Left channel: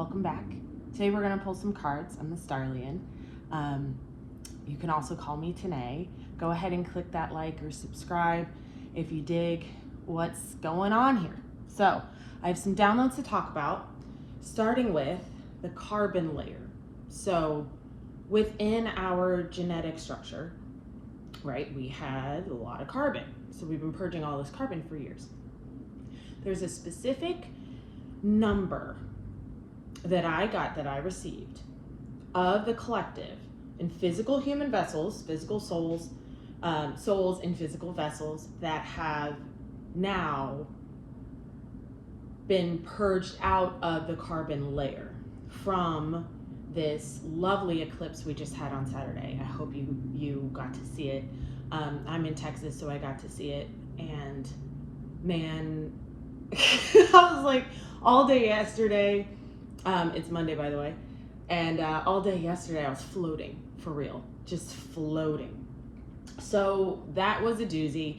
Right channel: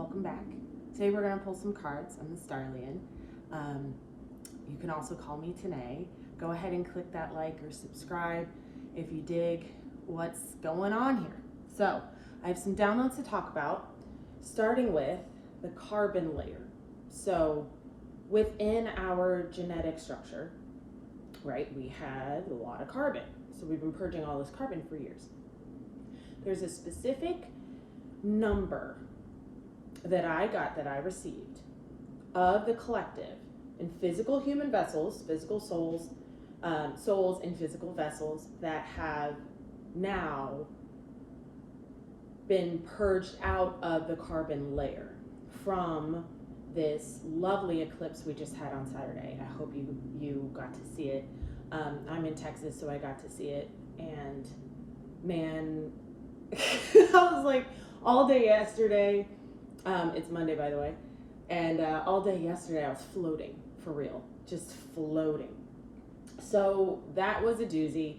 welcome back. Today we're going to pull some cards. I'm the Starlian. You can also call me Tanae. Go ahead and click that like or subscribe if you dig what's going on here. So I have some downloads to talk about, starting with the carbon layer. So within our genetic structure, right, we had a lot of carbon. So we've been purging all this carbon for years. There's a specific number that I received of the collective in physical human vessels, physical souls, souls in physical vessels that have now been purged out of the carbon layer from this lovely eclipse we just had on Saturday. I hope you got to see it. I'm in Texas, so I got to see it, and man, I was like, all day yesterday, it's Monday, by the way, and all day yesterday I was floating, for real, just floating. So that was a doozy.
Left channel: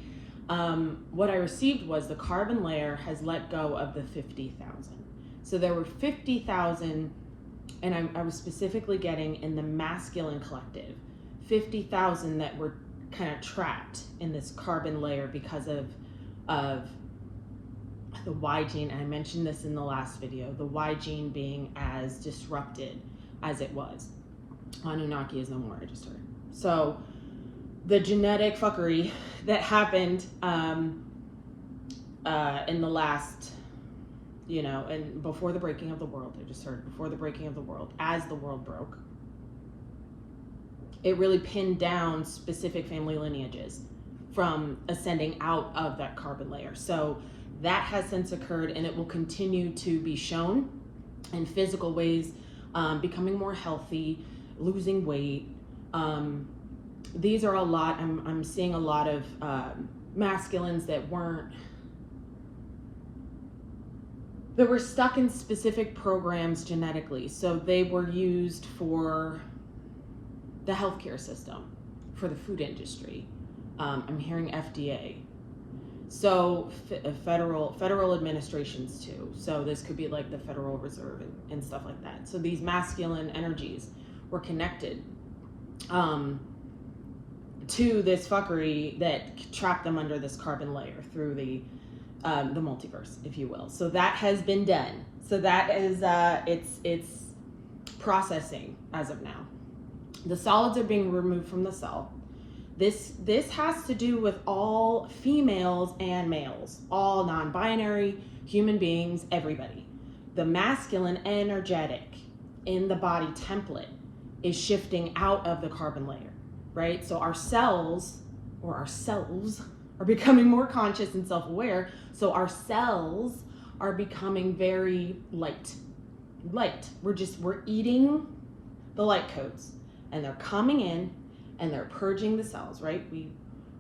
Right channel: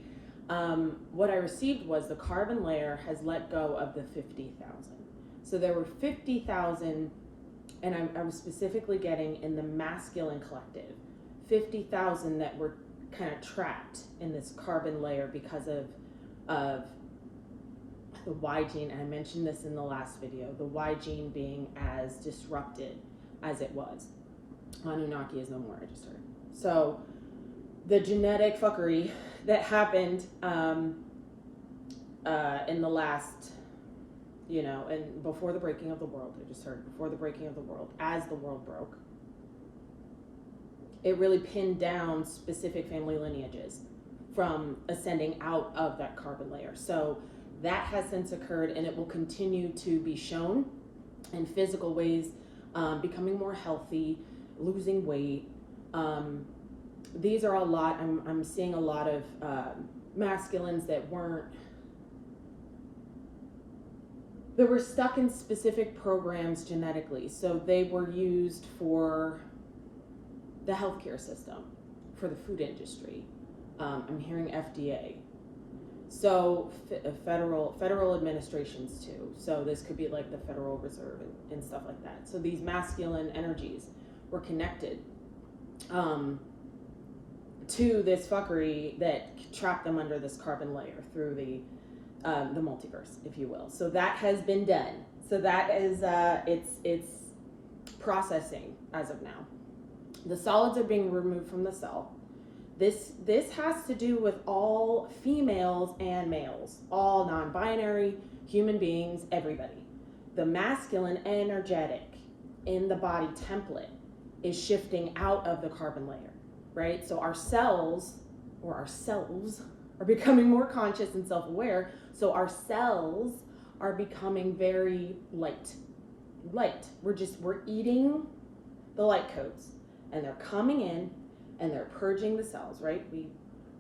What I received was the carbon layer has let go of the 50,000. So there were 50,000, and I was specifically getting in the masculine collective, 50,000 that were kind of trapped in this carbon layer because of the Y gene. I mentioned this in the last video, the Y gene being as disrupted as it was. Anunnaki is no more, I just heard. So the genetic fuckery that happened in the last, and before the breaking of the world, I just heard, before the breaking of the world, as the world broke, it really pinned down specific family lineages from ascending out of that carbon layer. So that has since occurred, and it will continue to be shown in physical ways, becoming more healthy, losing weight. These are a lot, I'm seeing a lot of masculines that were stuck in specific programs genetically. So they were used for the healthcare system, for the food industry. I'm hearing FDA. So federal administrations too. So this could be like the Federal Reserve and stuff like that. So these masculine energies were connected to this fuckery that trapped them under this carbon layer through the multiverse, if you will. So that has been done. So that is it's processing as of now. The solids are being removed from the cell. This has to do with all females and males, all non-binary human beings, everybody. The masculine energetic in the body template is shifting out of the carbon layer, right? So our cells, or ourselves, are becoming more conscious and self-aware. So our cells are becoming very light. We're eating the light codes, and they're coming in and they're purging the cells, right?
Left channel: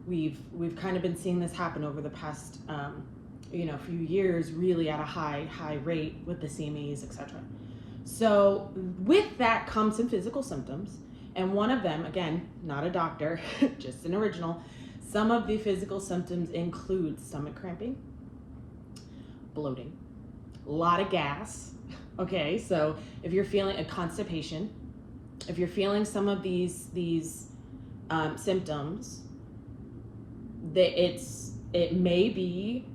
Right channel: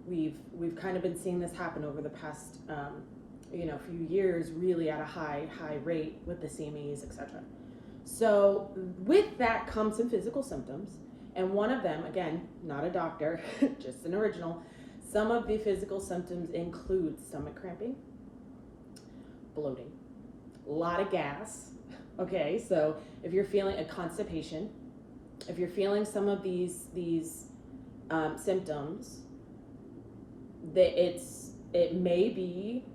We've kind of been seeing this happen over the past few years, really at a high rate with the CMEs, etc. So with that comes some physical symptoms, and one of them, again, not a doctor, just an original. Some of the physical symptoms include stomach cramping, bloating, a lot of gas. Okay, so if you're feeling a constipation, if you're feeling some of these symptoms, it may be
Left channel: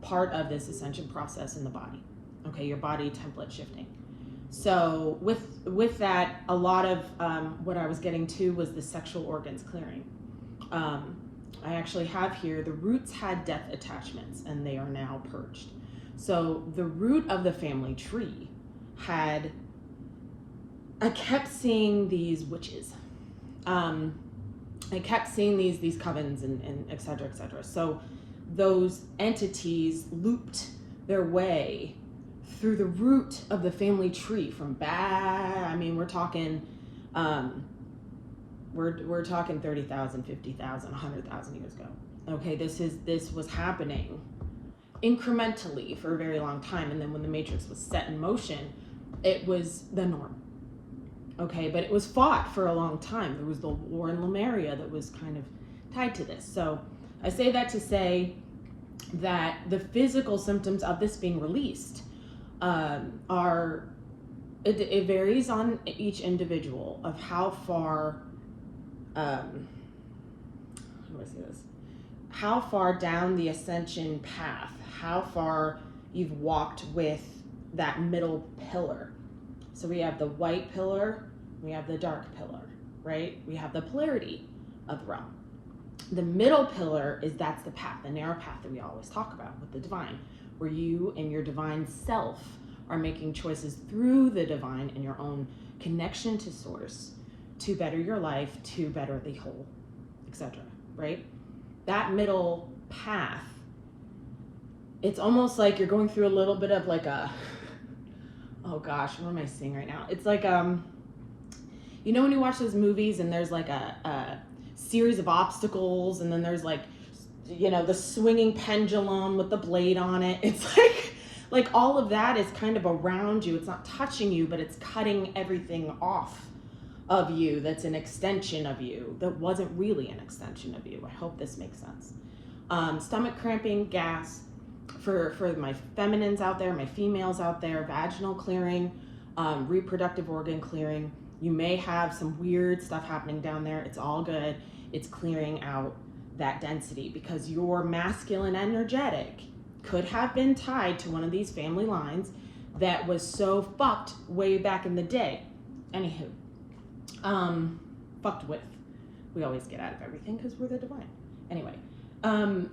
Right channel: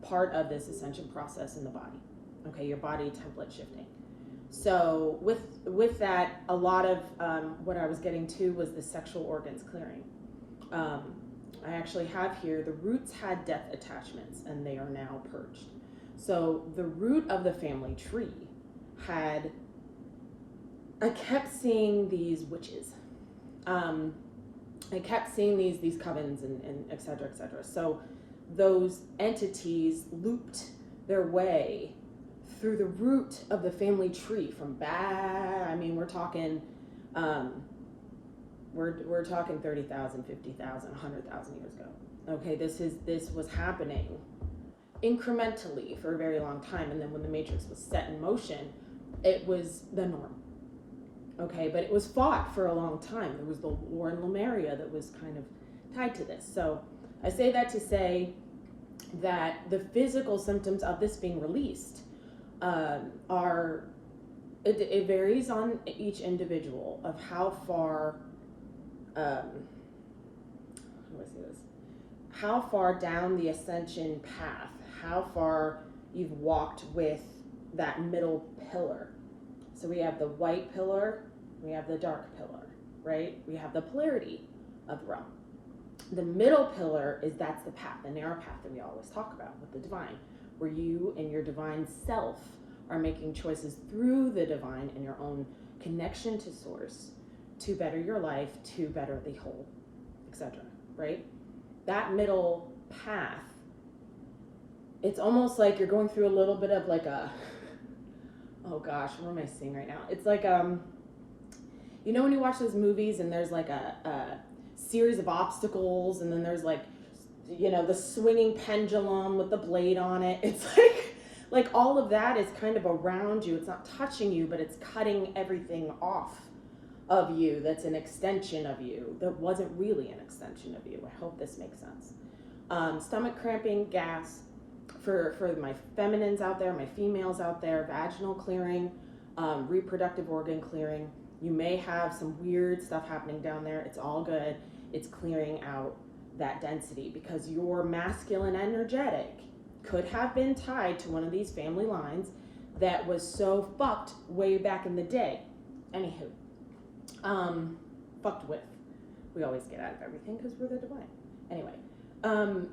part of this ascension process in the body. Okay, your body template shifting. So with that, a lot of what I was getting to was the sexual organs clearing. I actually have here, the roots had death attachments and they are now purged. So the root of the family tree I kept seeing these witches. I kept seeing these covens and et cetera, et cetera. So those entities looped their way through the root of the family tree from we're talking, we're talking 30,000, 50,000, 100,000 years ago. Okay, this was happening incrementally for a very long time. And then when the matrix was set in motion, it was the norm. Okay, but it was fought for a long time. There was the war in Lemuria that was kind of tied to this. So I say that to say that the physical symptoms of this being released are It varies on each individual of how far, how do I say this? How far down the ascension path, how far you've walked with that middle pillar. So we have the white pillar, we have the dark pillar, right? We have the polarity of the realm. The middle pillar that's the path, the narrow path that we always talk about with the divine, where you and your divine self are making choices through the divine and your own connection to source to better your life, to better the whole, etc. Right? That middle path, it's almost like you're going through a little bit of like a, oh gosh, what am I seeing right now? It's like, you know when you watch those movies and there's like a series of obstacles, and then there's like, you know, the swinging pendulum with the blade on it. It's like all of that is kind of around you. It's not touching you, but it's cutting everything off of you that's an extension of you that wasn't really an extension of you. I hope this makes sense. Stomach cramping, gas, for my feminines out there, my females out there, vaginal clearing, reproductive organ clearing. You may have some weird stuff happening down there. It's all good. It's clearing out that density, because your masculine energetic could have been tied to one of these family lines that was so fucked way back in the day. Anywho, fucked with. We always get out of everything because we're the divine. Anyway, on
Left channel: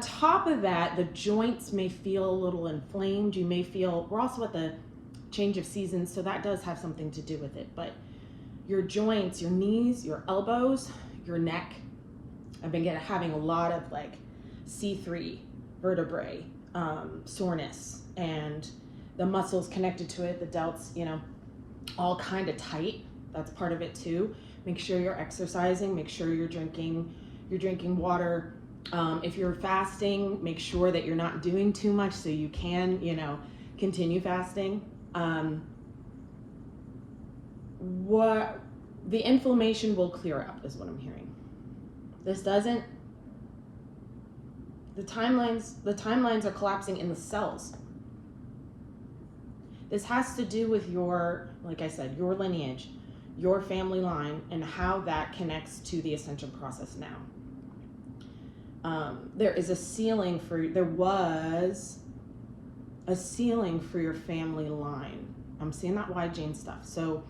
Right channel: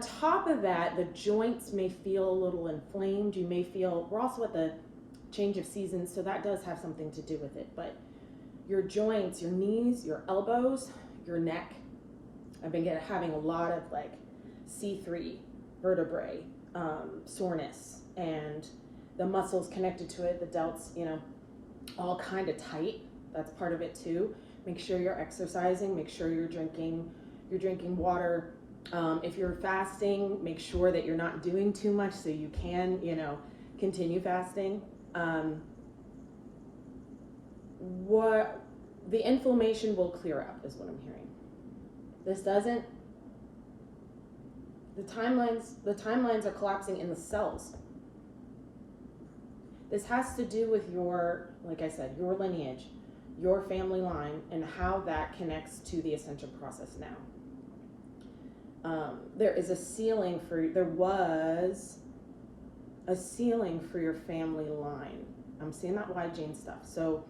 top of that, the joints may feel a little inflamed. You may feel, we're also at the change of seasons, so that does have something to do with it. But your joints, your knees, your elbows, your neck, I've been having a lot of like C3 vertebrae, soreness, and the muscles connected to it, the delts, you know, all kind of tight. That's part of it too. Make sure you're exercising, make sure you're drinking water. If you're fasting, make sure that you're not doing too much so you can, you know, continue fasting. What the inflammation will clear up is what I'm hearing. This doesn't, the timelines are collapsing in the cells. This has to do with your, like I said, your lineage, your family line, and how that connects to the ascension process now. There was a ceiling for your family line. I'm seeing that wide Jane stuff. So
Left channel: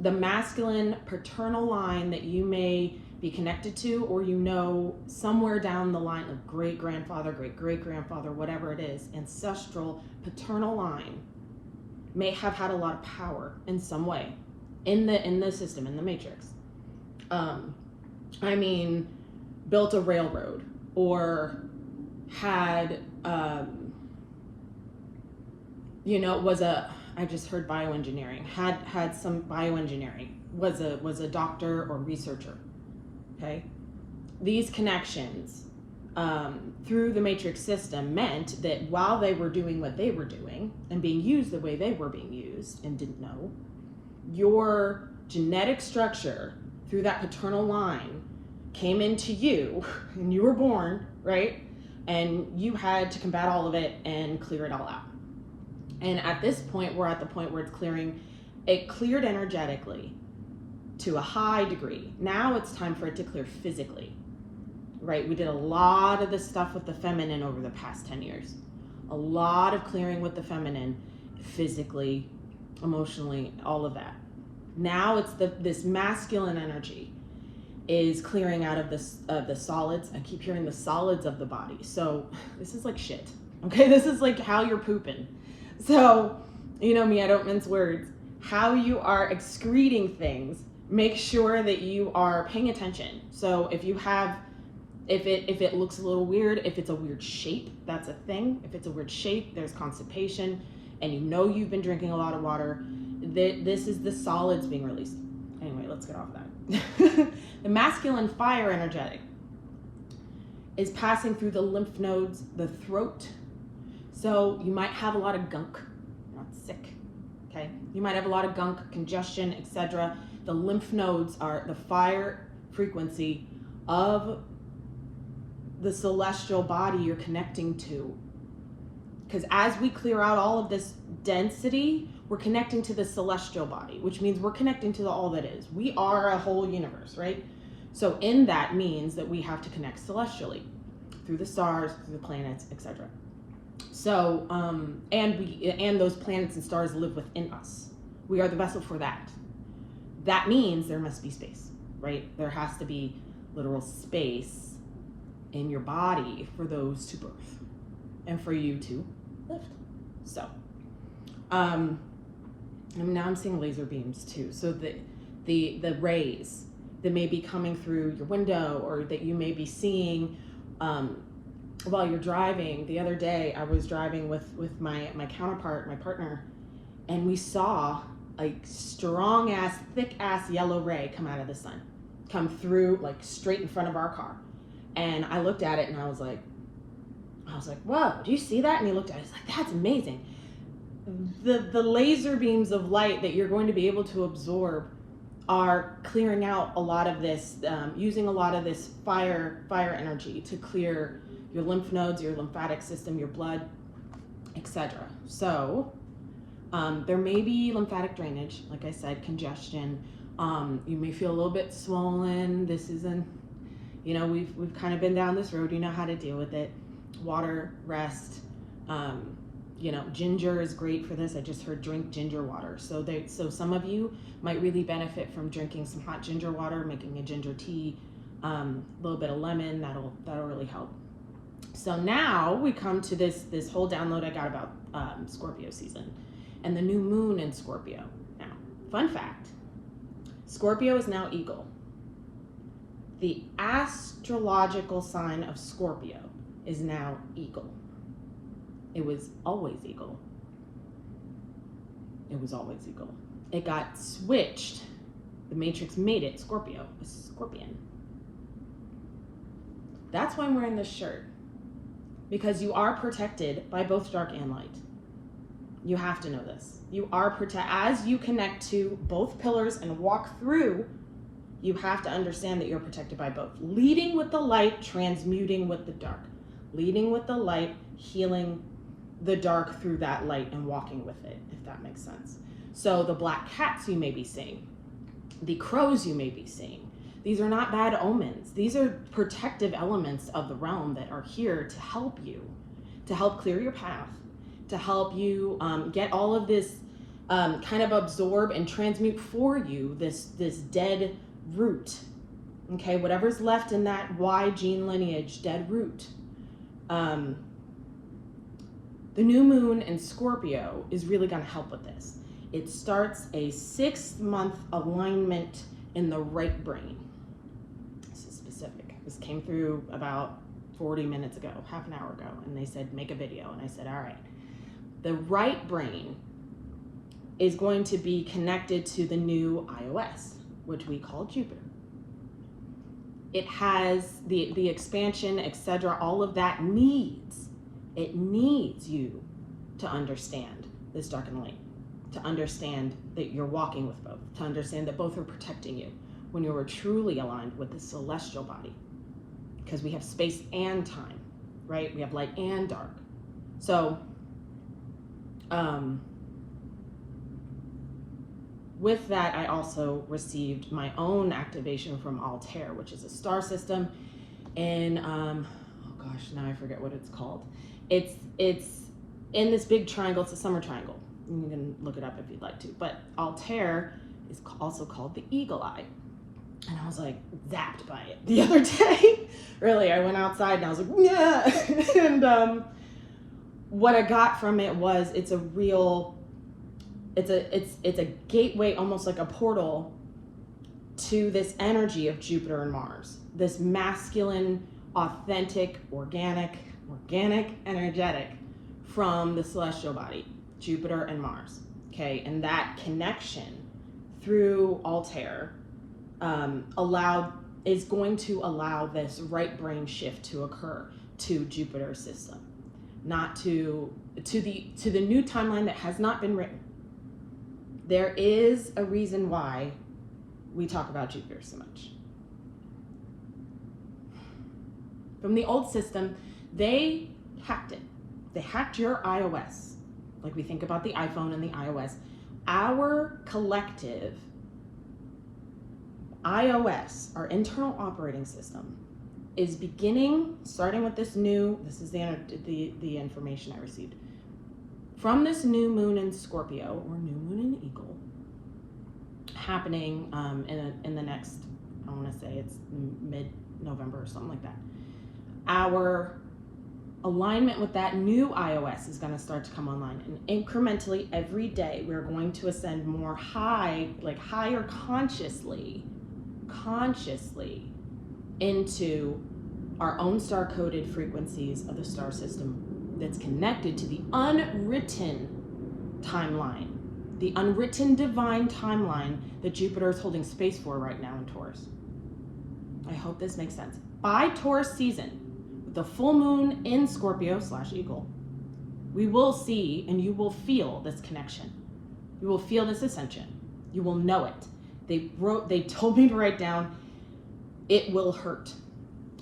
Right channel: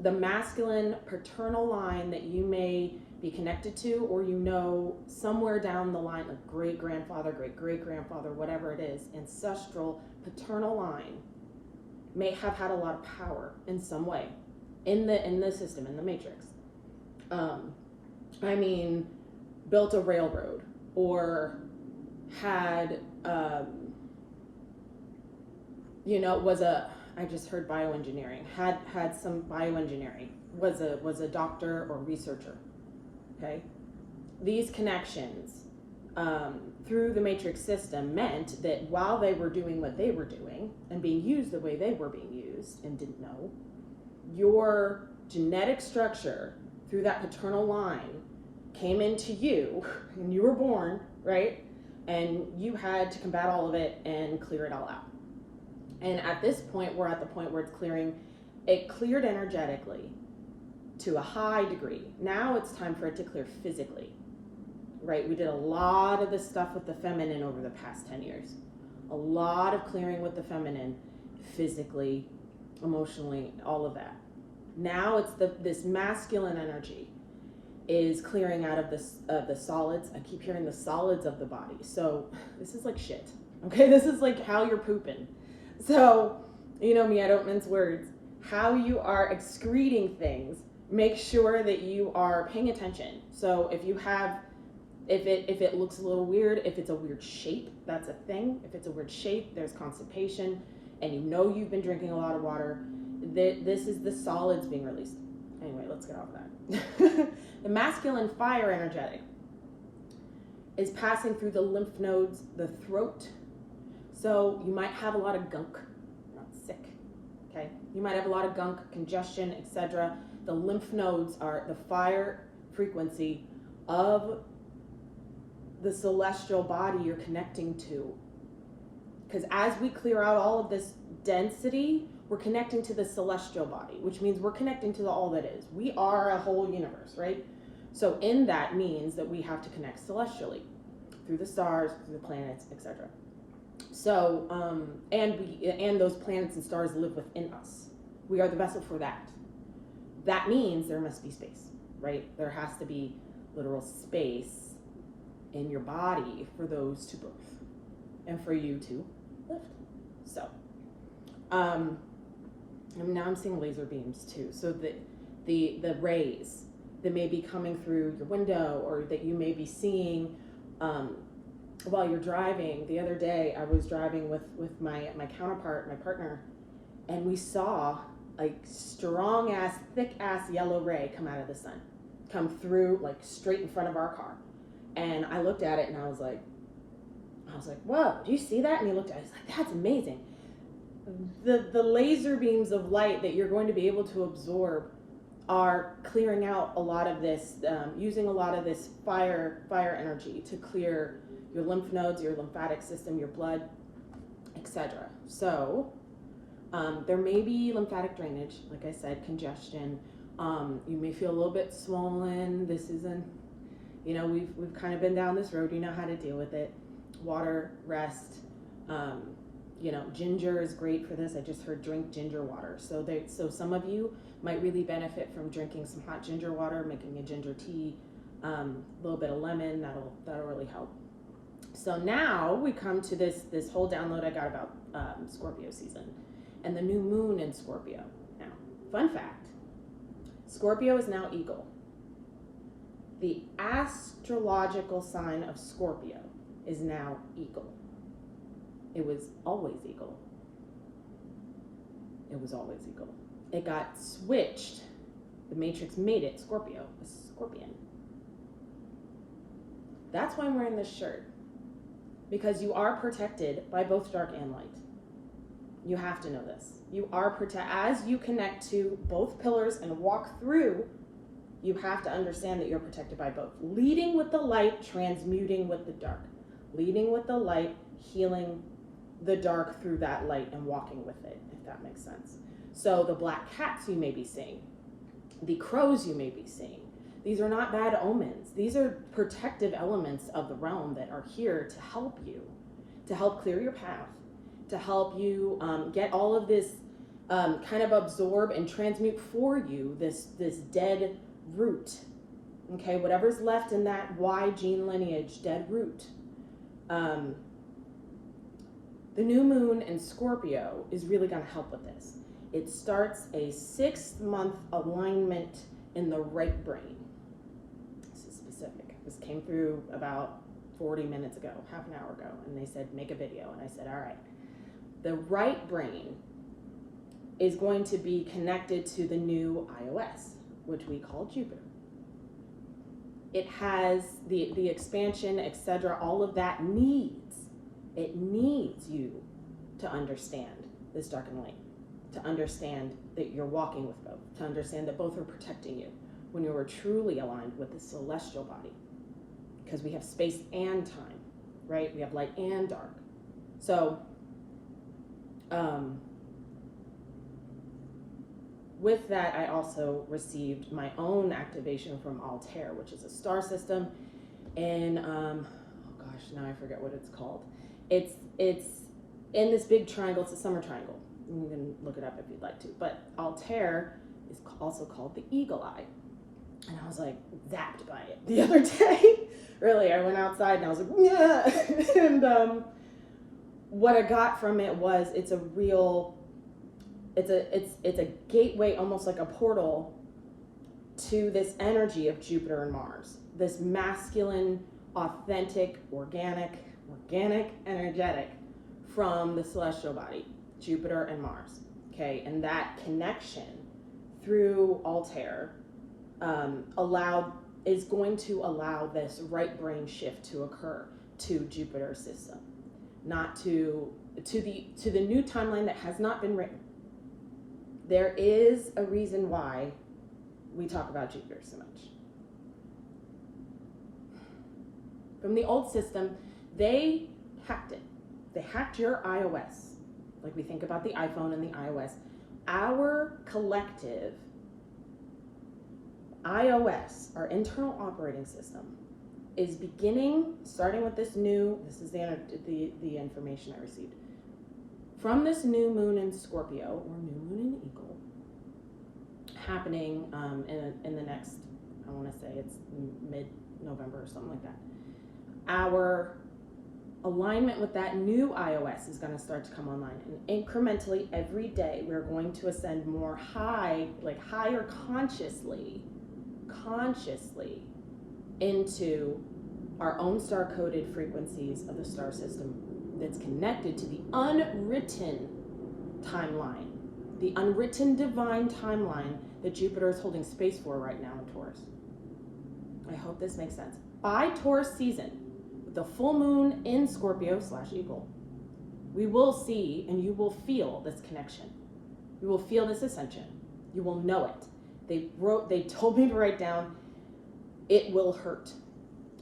the masculine paternal line that you may be connected to, or you know somewhere down the line, like great-grandfather, great-great-grandfather, whatever it is, ancestral paternal line may have had a lot of power in some way in the system, in the matrix. I mean, built a railroad, or had, you know, I just heard bioengineering, had some bioengineering, was a doctor or researcher, okay? These connections through the matrix system meant that while they were doing what they were doing and being used the way they were being used and didn't know, your genetic structure through that paternal line came into you and you were born, right? And you had to combat all of it and clear it all out. And at this point, we're at the point where it's clearing. It cleared energetically to a high degree. Now it's time for it to clear physically, right? We did a lot of this stuff with the feminine over the past 10 years. A lot of clearing with the feminine, physically, emotionally, all of that. Now it's this masculine energy is clearing out of the solids. I keep hearing the solids of the body. So this is like shit, okay? This is like how you're pooping. So, you know me, I don't mince words. How you are excreting things, make sure that you are paying attention. So if you have, if it looks a little weird, if it's a weird shape, that's a thing. If it's a weird shape, there's constipation, and you know you've been drinking a lot of water, this is the solids being released. Anyway, let's get off of that. The masculine fire energetic is passing through the lymph nodes, the throat. So you might have a lot of gunk. You're not sick, okay? You might have a lot of gunk, congestion, etc. The lymph nodes are the fire frequency of the celestial body you're connecting to. Because as we clear out all of this density, we're connecting to the celestial body, which means we're connecting to all that is. We are a whole universe, right? So in that means that we have to connect celestially through the stars, through the planets, etc. So, and those planets and stars live within us. We are the vessel for that. That means there must be space, right? There has to be literal space in your body for those to birth and for you to lift. So, and now I'm seeing laser beams too. So the rays that may be coming through your window, or that you may be seeing while you're driving. The other day I was driving with my counterpart, my partner, and we saw a strong ass, thick ass yellow ray come out of the sun, come through like straight in front of our car. And I looked at it and I was like, whoa, do you see that? And he looked at it, he's like, that's amazing. The laser beams of light that you're going to be able to absorb are clearing out a lot of this, using a lot of this fire energy to clear your lymph nodes, your lymphatic system, your blood, etc. So there may be lymphatic drainage, like I said, congestion. You may feel a little bit swollen. This isn't, you know, we've kind of been down this road. You know how to deal with it. Water, rest. You know, ginger is great for this. I just heard drink ginger water. So some of you might really benefit from drinking some hot ginger water, making a ginger tea, a little bit of lemon. That'll really help. So now we come to this whole download I got about Scorpio season and the new moon in Scorpio. Now, fun fact, Scorpio is now Eagle. The astrological sign of Scorpio is now Eagle. It was always Eagle. It was always Eagle. It got switched. The Matrix made it Scorpio, a scorpion. That's why I'm wearing this shirt. Because you are protected by both dark and light. You have to know this. You are protected. As you connect to both pillars and walk through, you have to understand that you're protected by both. Leading with the light, transmuting with the dark. Leading with the light, healing the dark through that light and walking with it, if that makes sense. So the black cats you may be seeing, the crows you may be seeing, these are not bad omens. These are protective elements of the realm that are here to help you, to help clear your path, to help you get all of this kind of absorb and transmute for you this dead root. Okay, whatever's left in that Y gene lineage, dead root. The new moon in Scorpio is really going to help with this. It starts a 6-month alignment in the right brain. This is specific. This came through about 40 minutes ago, half an hour ago, and they said, make a video. And I said, all right. The right brain is going to be connected to the new iOS, which we call Jupiter. It has the expansion, etc. All of that it needs you to understand this dark and light, to understand that you're walking with both, to understand that both are protecting you when you are truly aligned with the celestial body, because we have space and time, right? We have light and dark. So with that, I also received my own activation from Altair, which is a star system, and oh gosh, now I forget what it's called. It's in this big triangle. It's a summer triangle. You can look it up if you'd like to. But Altair is also called the Eagle Eye, and I was like zapped by it the other day. Really, I went outside and I was like, yeah. And what I got from it was it's a gateway, almost like a portal to this energy of Jupiter and Mars, this masculine, authentic, organic, energetic from the celestial body, Jupiter and Mars. Okay, and that connection through Altair is going to allow this right brain shift to occur to Jupiter's system, not to the new timeline that has not been written. There is a reason why we talk about Jupiter so much. From the old system, they hacked it. They hacked your iOS. like we think about the iPhone and the iOS, our collective iOS, our internal operating system, is beginning, starting with this is the information I received, from this new moon in Scorpio, or new moon in Eagle, happening in the next, I want to say it's mid-November or something like that. Our alignment with that new iOS is going to start to come online, and incrementally every day we're going to ascend more higher consciously into our own star-coded frequencies of the star system that's connected to the unwritten timeline, the unwritten divine timeline that Jupiter is holding space for right now in Taurus. I hope this makes sense. By Taurus season, with the full moon in Scorpio/Eagle, we will see and you will feel this connection. You will feel this ascension. You will know it. They told me to write down, it will hurt.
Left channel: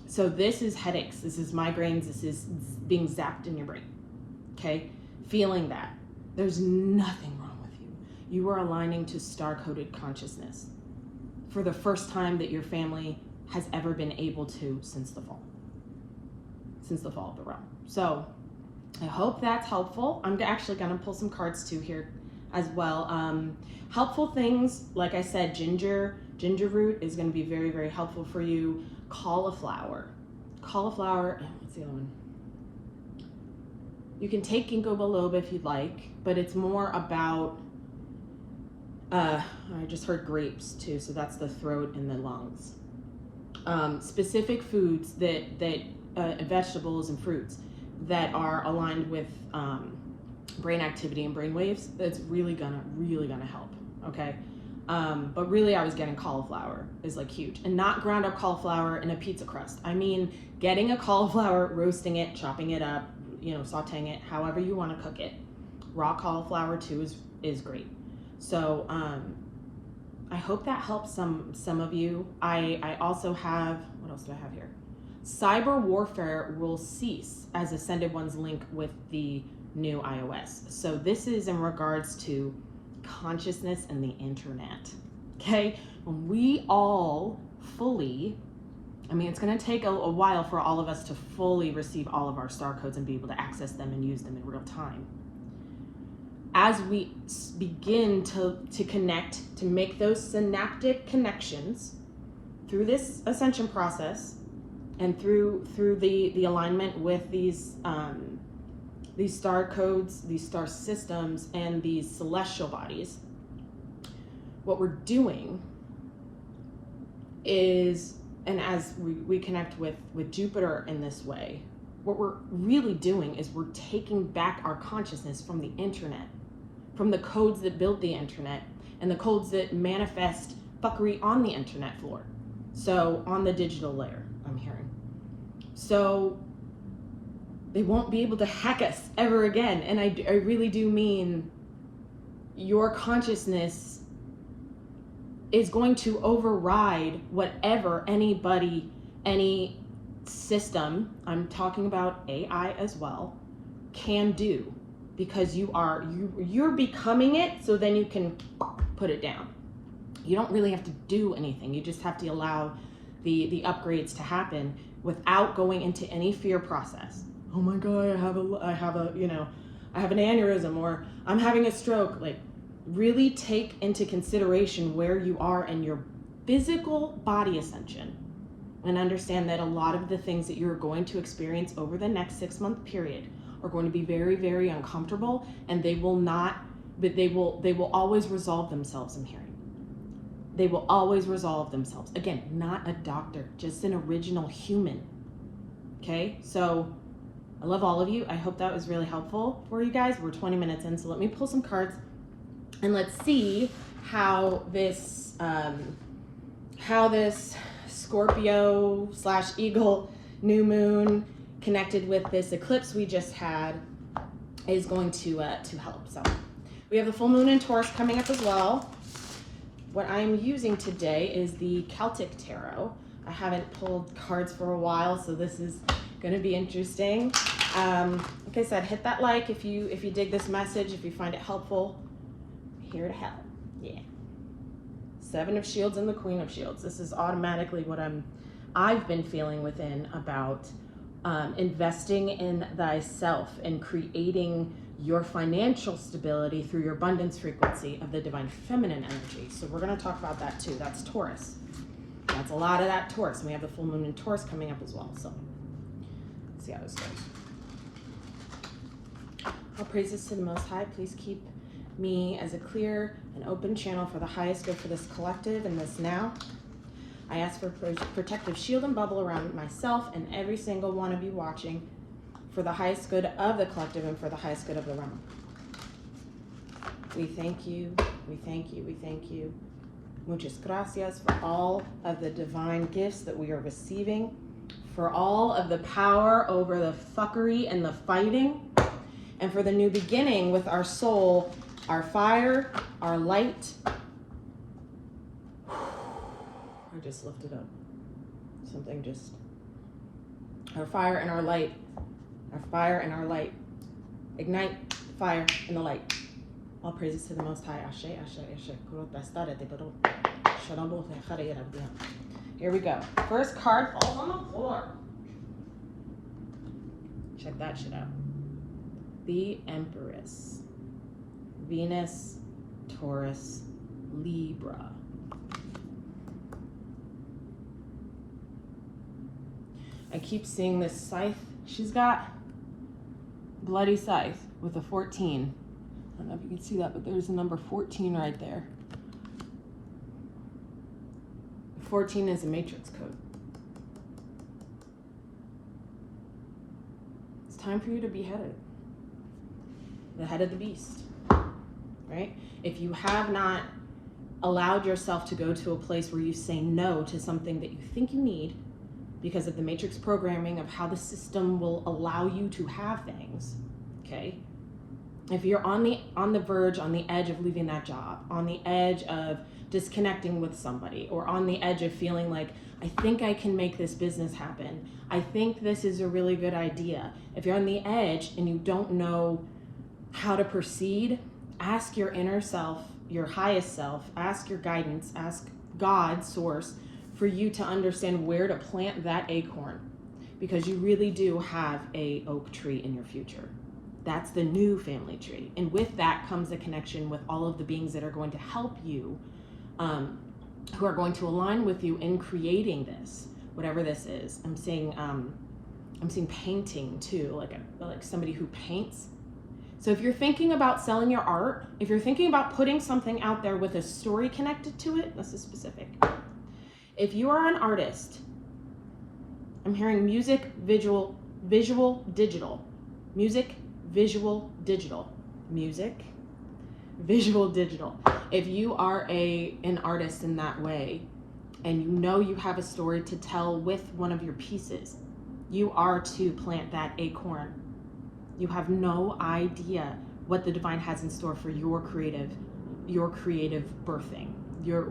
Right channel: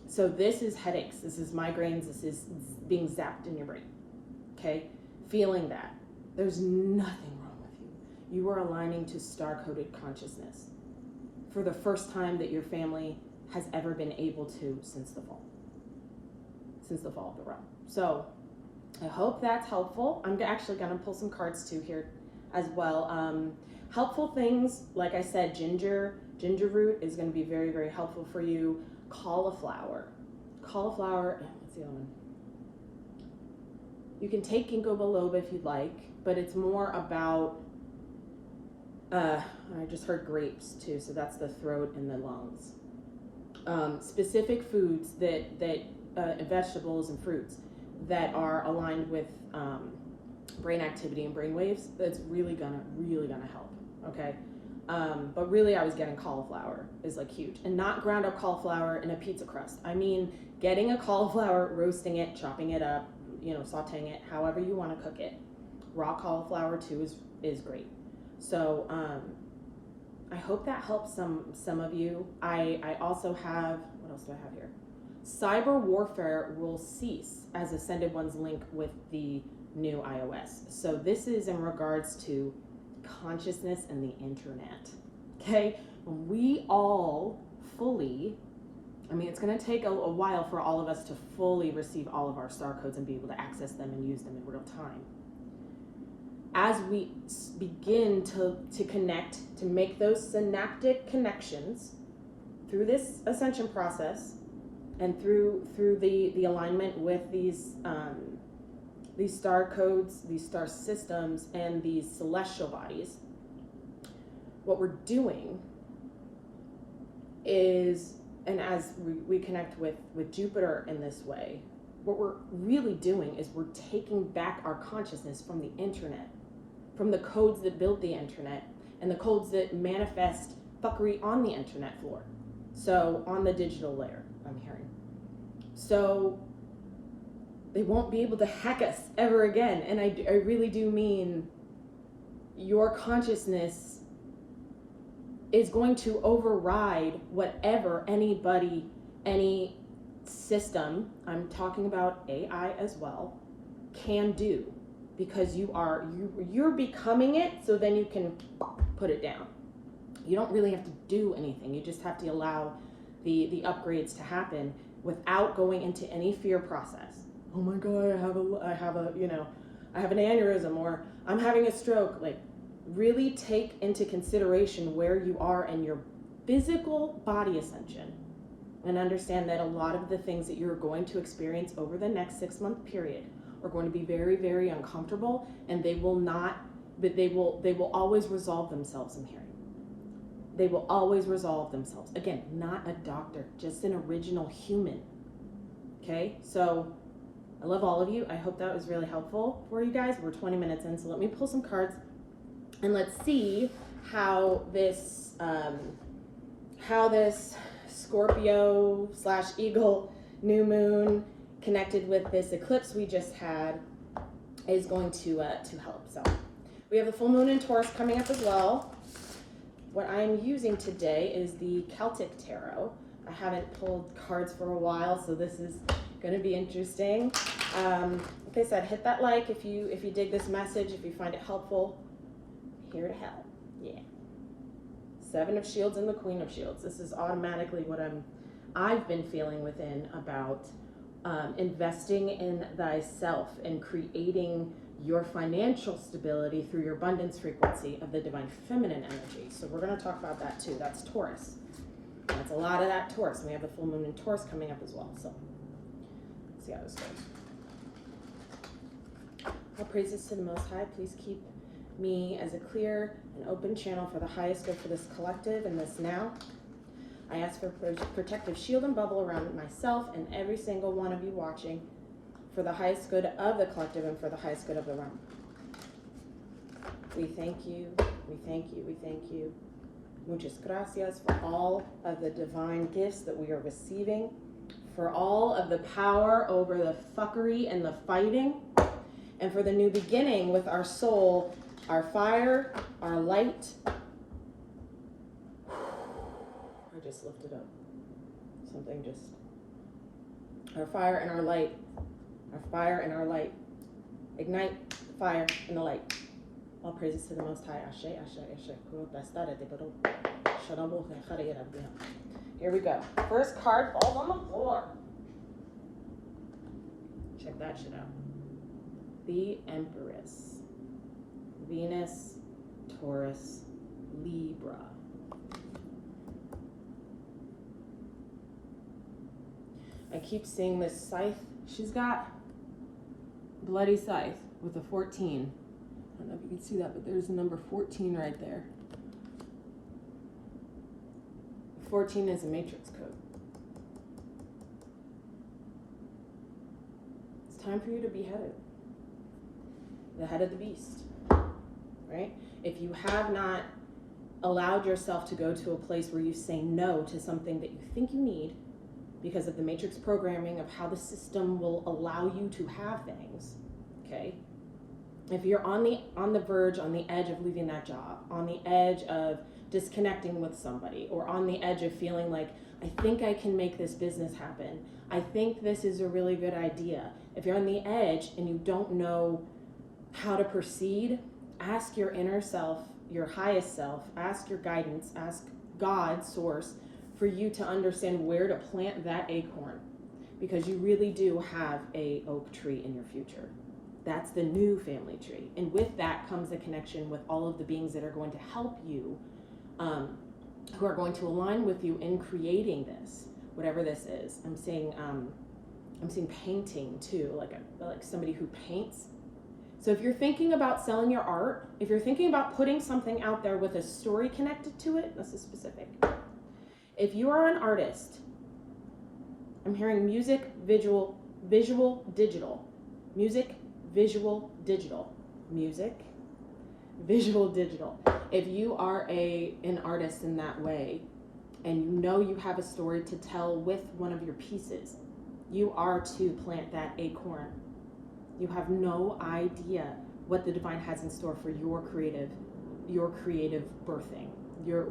So this is headaches, this is migraines, this is being zapped in your brain, okay? Feeling that. There's nothing wrong with you. You are aligning to star-coded consciousness for the first time that your family has ever been able to since the fall of the realm. So I hope that's helpful. I'm actually gonna pull some cards too here as well. Helpful things, like I said, ginger root is gonna be very, very helpful for you. Cauliflower, what's the other one? You can take ginkgo biloba if you'd like, but it's more about, I just heard grapes too, so that's the throat and the lungs. Specific foods vegetables and fruits that are aligned with brain activity and brain waves, that's really gonna help, okay? But really I was getting cauliflower is like huge, and not ground up cauliflower in a pizza crust. I mean, getting a cauliflower, roasting it, chopping it up, sauteing it, however you want to cook it. Raw cauliflower too is great. So I hope that helps some of you. I also have, what else do I have here? Cyber warfare will cease as Ascended Ones link with the new iOS. So this is in regards to consciousness and the internet, okay? When we all fully, it's going to take a while for all of us to fully receive all of our star codes and be able to access them and use them in real time. As we begin to connect, to make those synaptic connections through this ascension process and through the alignment with these star codes, these star systems, and these celestial bodies, what we're doing is, and as we connect with Jupiter in this way, what we're really doing is we're taking back our consciousness from the internet, from the codes that build the internet and the codes that manifest fuckery on the internet floor. So on the digital layer, I'm hearing. So they won't be able to hack us ever again. And I really do mean your consciousness is going to override whatever anybody, any system, I'm talking about AI as well, can do, because you're becoming it, so then you can put it down. You don't really have to do anything. You just have to allow the upgrades to happen without going into any fear process. Oh my God, I have an aneurysm, or I'm having a stroke. Like, really take into consideration where you are in your physical body ascension, and understand that a lot of the things that you're going to experience over the next 6-month period are going to be very, very uncomfortable, and they will always resolve themselves. I'm hearing. They will always resolve themselves. Again, not a doctor, just an original human. Okay, so I love all of you. I hope that was really helpful for you guys. We're 20 minutes in, so let me pull some cards and let's see how this Scorpio/Eagle new moon connected with this eclipse we just had is going to help. So we have the full moon in Taurus coming up as well. What I'm using today is the Celtic Tarot. I haven't pulled cards for a while, so this is going to be interesting. Like I said, hit that like if you dig this message, if you find it helpful. I'm here to help. Yeah. Seven of Shields and the Queen of Shields. This is automatically what I've been feeling within about investing in thyself and creating your financial stability through your abundance frequency of the divine feminine energy. So we're going to talk about that too. That's Taurus. That's a lot of that Taurus. And we have the full moon in Taurus coming up as well. So let's see how this goes. All praises to the Most High. Please keep me as a clear and open channel for the highest good for this collective and this now. I ask for protective shield and bubble around myself and every single one of you watching for the highest good of the collective and for the highest good of the realm. We thank you, we thank you, we thank you. Muchas gracias for all of the divine gifts that we are receiving, for all of the power over the fuckery and the fighting, and for the new beginning with our soul, our fire, our light. I just lifted up something, just our fire and our light, our fire and our light. Ignite fire and the light. All praises to the Most High. Ashe, ashe, ashe. Here we go. First card falls on the floor. Check that shit out. The Empress. Venus, Taurus, Libra. I keep seeing this scythe. She's got bloody scythe with a 14. I don't know if you can see that, but there's a number 14 right there. 14 is a matrix code. It's time for you to be headed. The head of the beast, right? If you have not allowed yourself to go to a place where you say no to something that you think you need because of the matrix programming of how the system will allow you to have things, okay? If you're on the verge, on the edge of leaving that job, on the edge of disconnecting with somebody, or on the edge of feeling like, I think I can make this business happen. I think this is a really good idea. If you're on the edge and you don't know how to proceed, ask your inner self, your highest self, ask your guidance, ask God, source, for you to understand where to plant that acorn, because you really do have a oak tree in your future. That's the new family tree. And with that comes a connection with all of the beings that are going to help you, who are going to align with you in creating this, whatever this is. I'm seeing painting too, like somebody who paints. So if you're thinking about selling your art, if you're thinking about putting something out there with a story connected to it, this is specific. If you are an artist, I'm hearing music, visual, digital. Music, visual, digital. Music, visual, digital. If you are an artist in that way, and you know you have a story to tell with one of your pieces, you are to plant that acorn. You have no idea what the divine has in store for your creative birthing,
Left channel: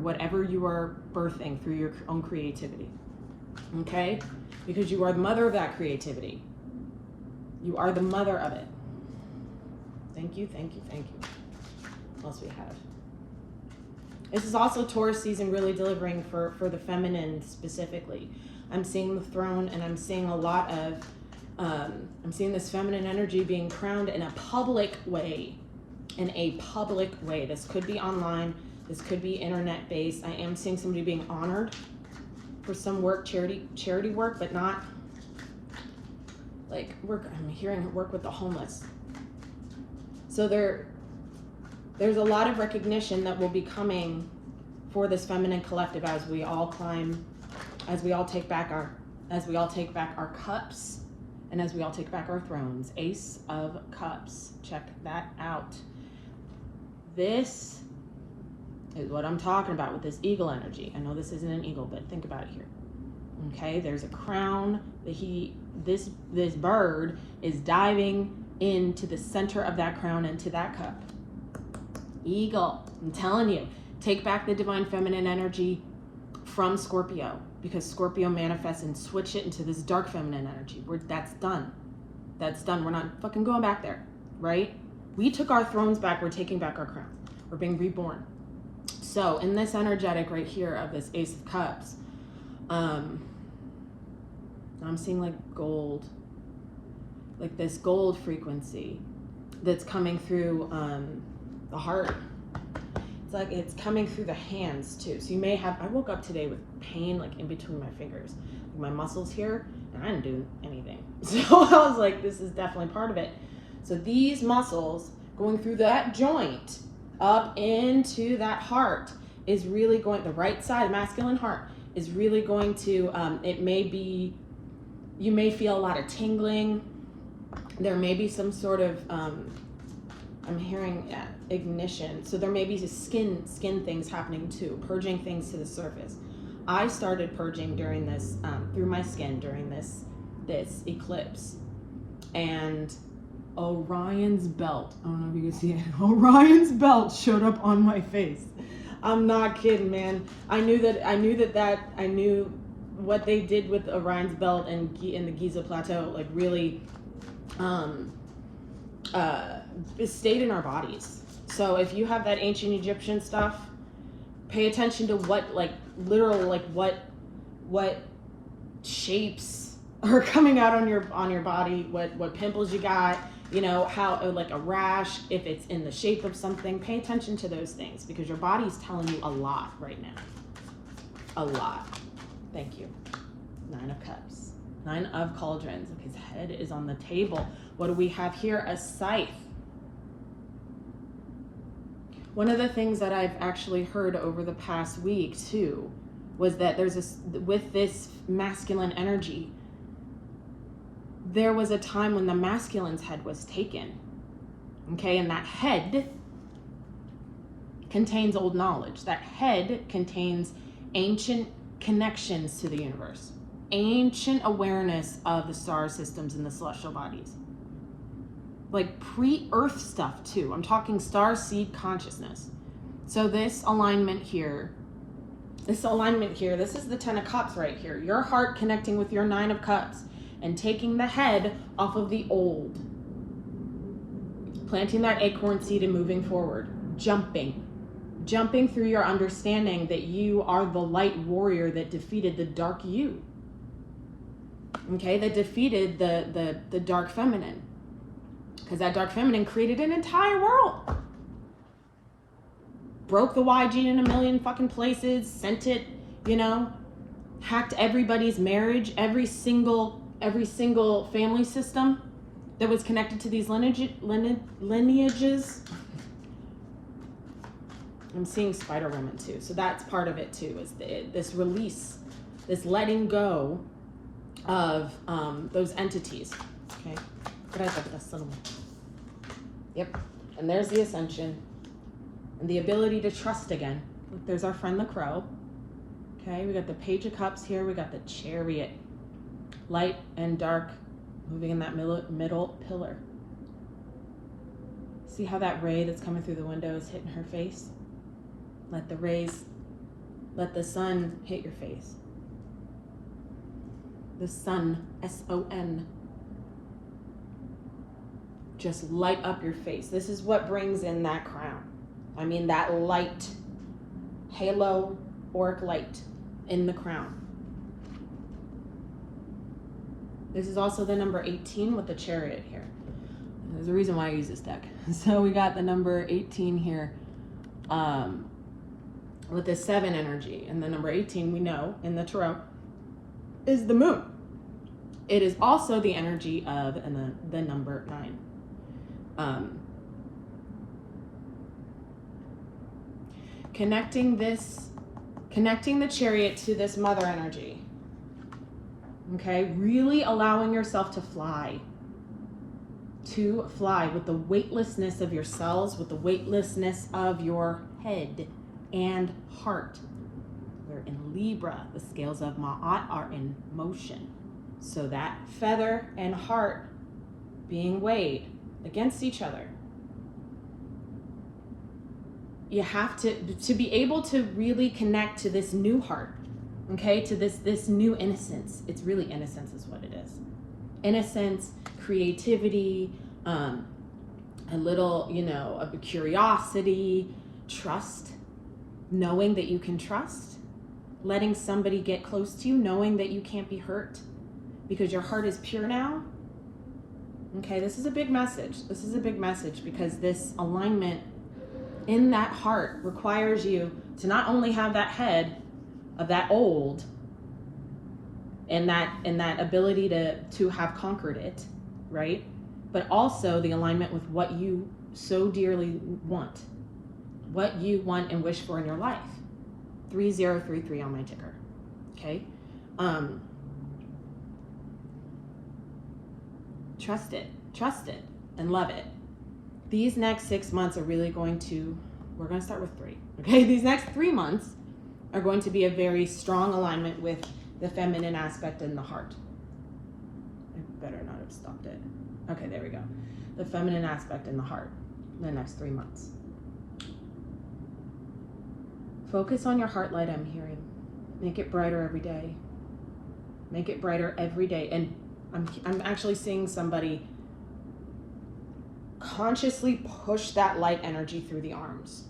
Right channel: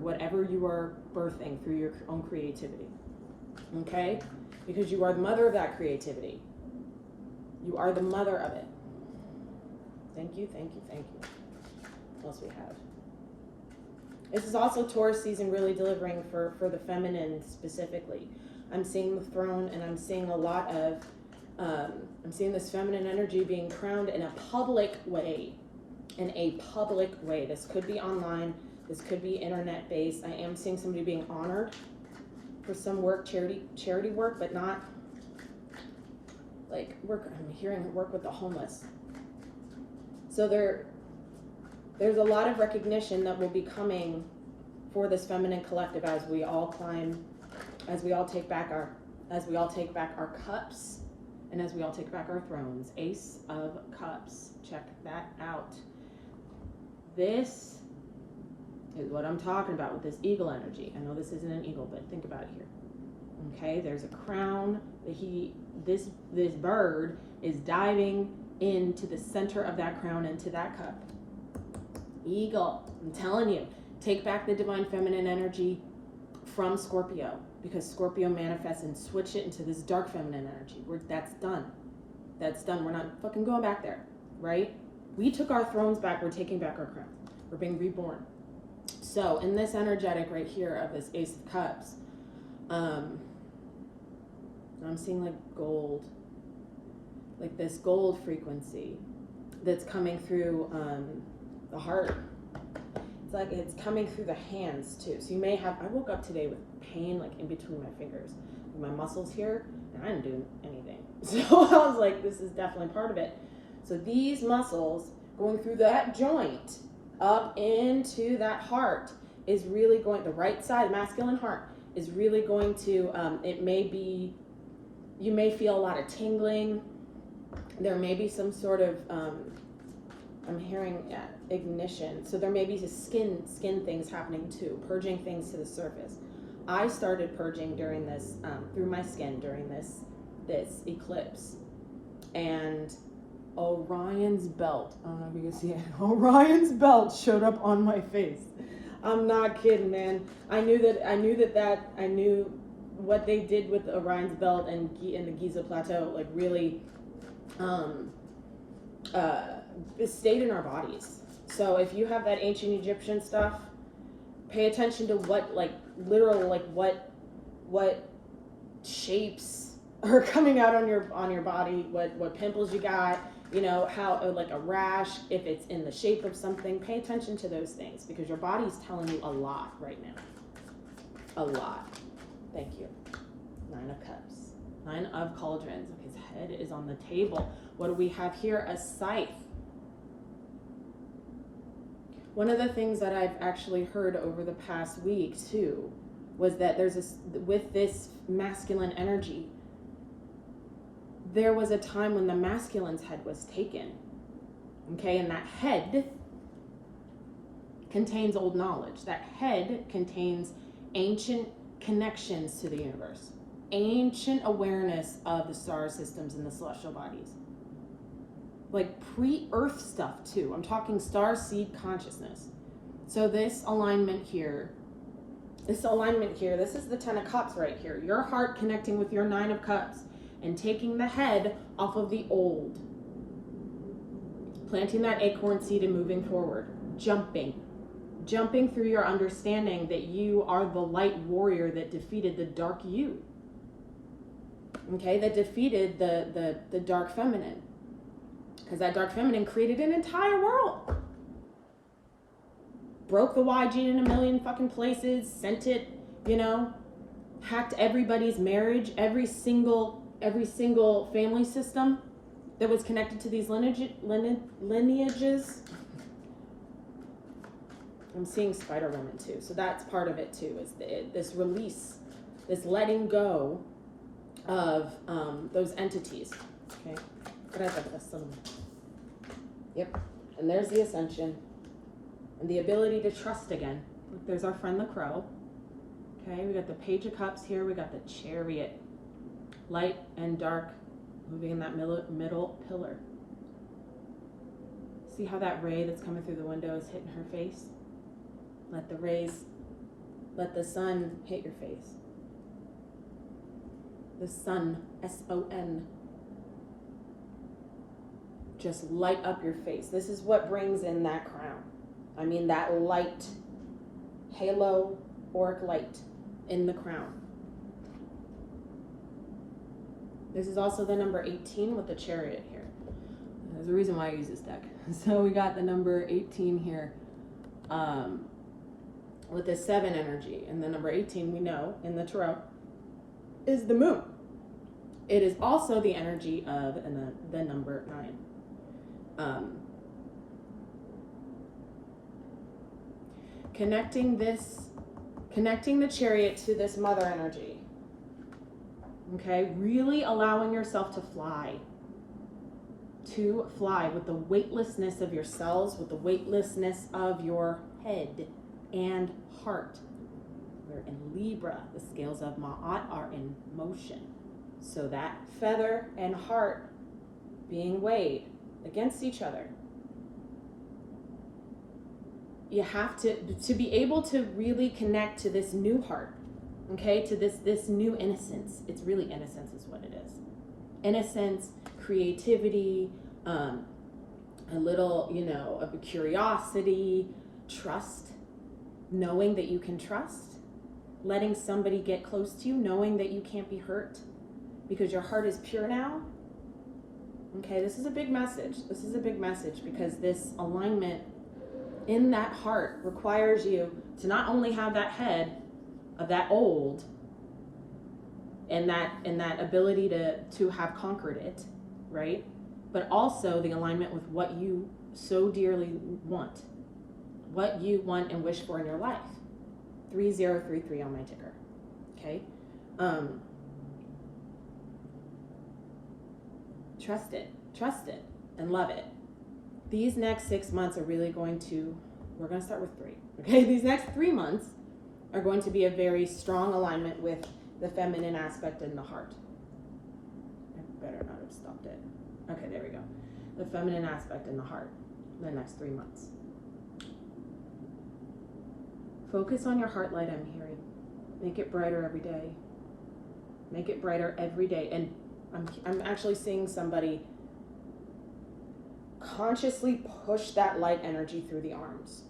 whatever you are birthing through your own creativity, okay? Because you are the mother of that creativity. You are the mother of it. Thank you, thank you, thank you. What else we have? This is also Taurus season, really delivering for the feminine specifically. I'm seeing the throne, and I'm seeing a lot of, I'm seeing this feminine energy being crowned in a public way. This could be online, this could be internet based. I am seeing somebody being honored for some work, charity work, but not like work. I'm hearing her work with the homeless. So there's a lot of recognition that will be coming for this feminine collective as we all climb, as we all take back our cups, and as we all take back our thrones. Ace of Cups. Check that out. This is what I'm talking about with this eagle energy. I know this isn't an eagle, but think about it here. Okay, there's a crown that this bird is diving into the center of that crown, into that cup. Eagle, I'm telling you, take back the divine feminine energy from Scorpio, because Scorpio manifests and switch it into this dark feminine energy. That's done. That's done. We're not fucking going back there, right? We took our thrones back. We're taking back our crown. We're being reborn. So in this energetic right here of this Ace of Cups, I'm seeing like gold, like this gold frequency that's coming through the heart. It's like it's coming through the hands too. So you may have, I woke up today with pain like in between my fingers, like my muscles here, and I didn't do anything. So I was like, this is definitely part of it. So these muscles going through that joint up into that heart is really going, the right side, masculine heart, is really going to, it may be, you may feel a lot of tingling. There may be some sort of, I'm hearing ignition. So there may be skin things happening too, purging things to the surface. I started purging during this, through my skin during this eclipse. And Orion's belt, I don't know if you can see it, Orion's belt showed up on my face. I'm not kidding, man. I knew what they did with Orion's belt and in the Giza Plateau, like really it stayed in our bodies. So if you have that ancient Egyptian stuff, pay attention to what, like, literal, like what shapes are coming out on your body, what pimples you got, you know, how, like a rash, if it's in the shape of something. Pay attention to those things because your body's telling you a lot right now. A lot. Thank you. 9 of Cups. 9 of Cauldrons. His head is on the table. What do we have here? A scythe. One of the things that I've actually heard over the past week too was that there's with this masculine energy, there was a time when the masculine's head was taken. Okay, and that head contains old knowledge. That head contains ancient connections to the universe, ancient awareness of the star systems and the celestial bodies. Like pre-Earth stuff too. I'm talking star seed consciousness. So this alignment here, this is the 10 of Cups right here. Your heart connecting with your 9 of Cups and taking the head off of the old. Planting that acorn seed and moving forward. Jumping through your understanding that you are the light warrior that defeated the dark you. Okay, that defeated the dark feminine. Because that dark feminine created an entire world. Broke the Y gene in a million fucking places, sent it, you know, hacked everybody's marriage, every single family system that was connected to these lineages. I'm seeing Spider Woman too, so that's part of it too, is this release, this letting go of those entities. Okay. Yep, and there's the ascension and the ability to trust again. Look, there's our friend the crow. Okay, we got the Page of Cups here. We got the Chariot, light and dark, moving in that middle pillar. See how that ray that's coming through the window is hitting her face? Let the sun hit your face. The sun, S-O-N. Just light up your face. This is what brings in that crown. I mean, that light, halo, auric light in the crown. This is also the number 18 with the Chariot here. There's a reason why I use this deck. So we got the number 18 here with the 7 energy. And the number 18, we know in the tarot, is the moon. It is also the energy of the number 9. Connecting the Chariot to this mother energy. Okay, really allowing yourself to fly with the weightlessness of your cells, with the weightlessness of your head and heart. We're in Libra. The scales of Ma'at are in motion. So that feather and heart being weighed against each other. You have to be able to really connect to this new heart, okay, to this new innocence. It's really innocence is what it is. Innocence, creativity, a little, of a curiosity, trust, knowing that you can trust, letting somebody get close to you, knowing that you can't be hurt because your heart is pure now. Okay, this is a big message. This is a big message because this alignment in that heart requires you to not only have that head of that old and that ability to have conquered it, right? But also the alignment with what you so dearly want, what you want and wish for in your life. 3033 on my ticker. Okay. Trust it and love it. These next 6 months are really we're going to start with 3. Okay. These next 3 months are going to be a very strong alignment with the feminine aspect in the heart. I better not have stopped it. Okay, there we go. The feminine aspect in the heart, the next 3 months. Focus on your heart light, I'm hearing. Make it brighter every day. Make it brighter every day. And I'm actually seeing somebody consciously push that light energy through the arms.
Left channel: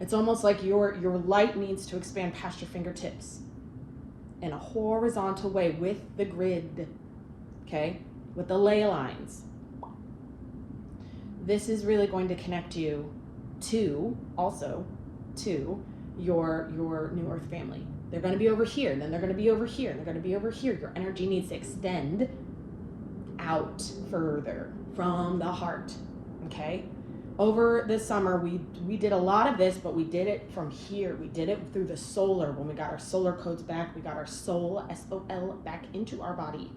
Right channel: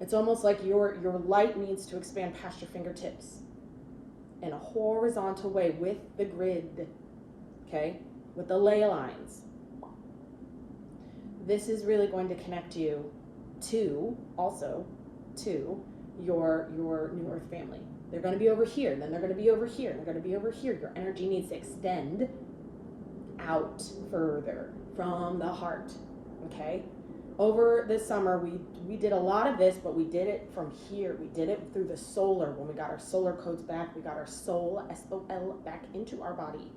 It's almost like your light needs to expand past your fingertips in a horizontal way with the grid, okay? With the ley lines. This is really going to connect you to your new earth family. They're going to be over here, and then they're going to be over here, and they're going to be over here. Your energy needs to extend out further from the heart, okay? Over the summer, we did a lot of this, but we did it from here. We did it through the solar. When we got our solar codes back, we got our soul, S-O-L, back into our body.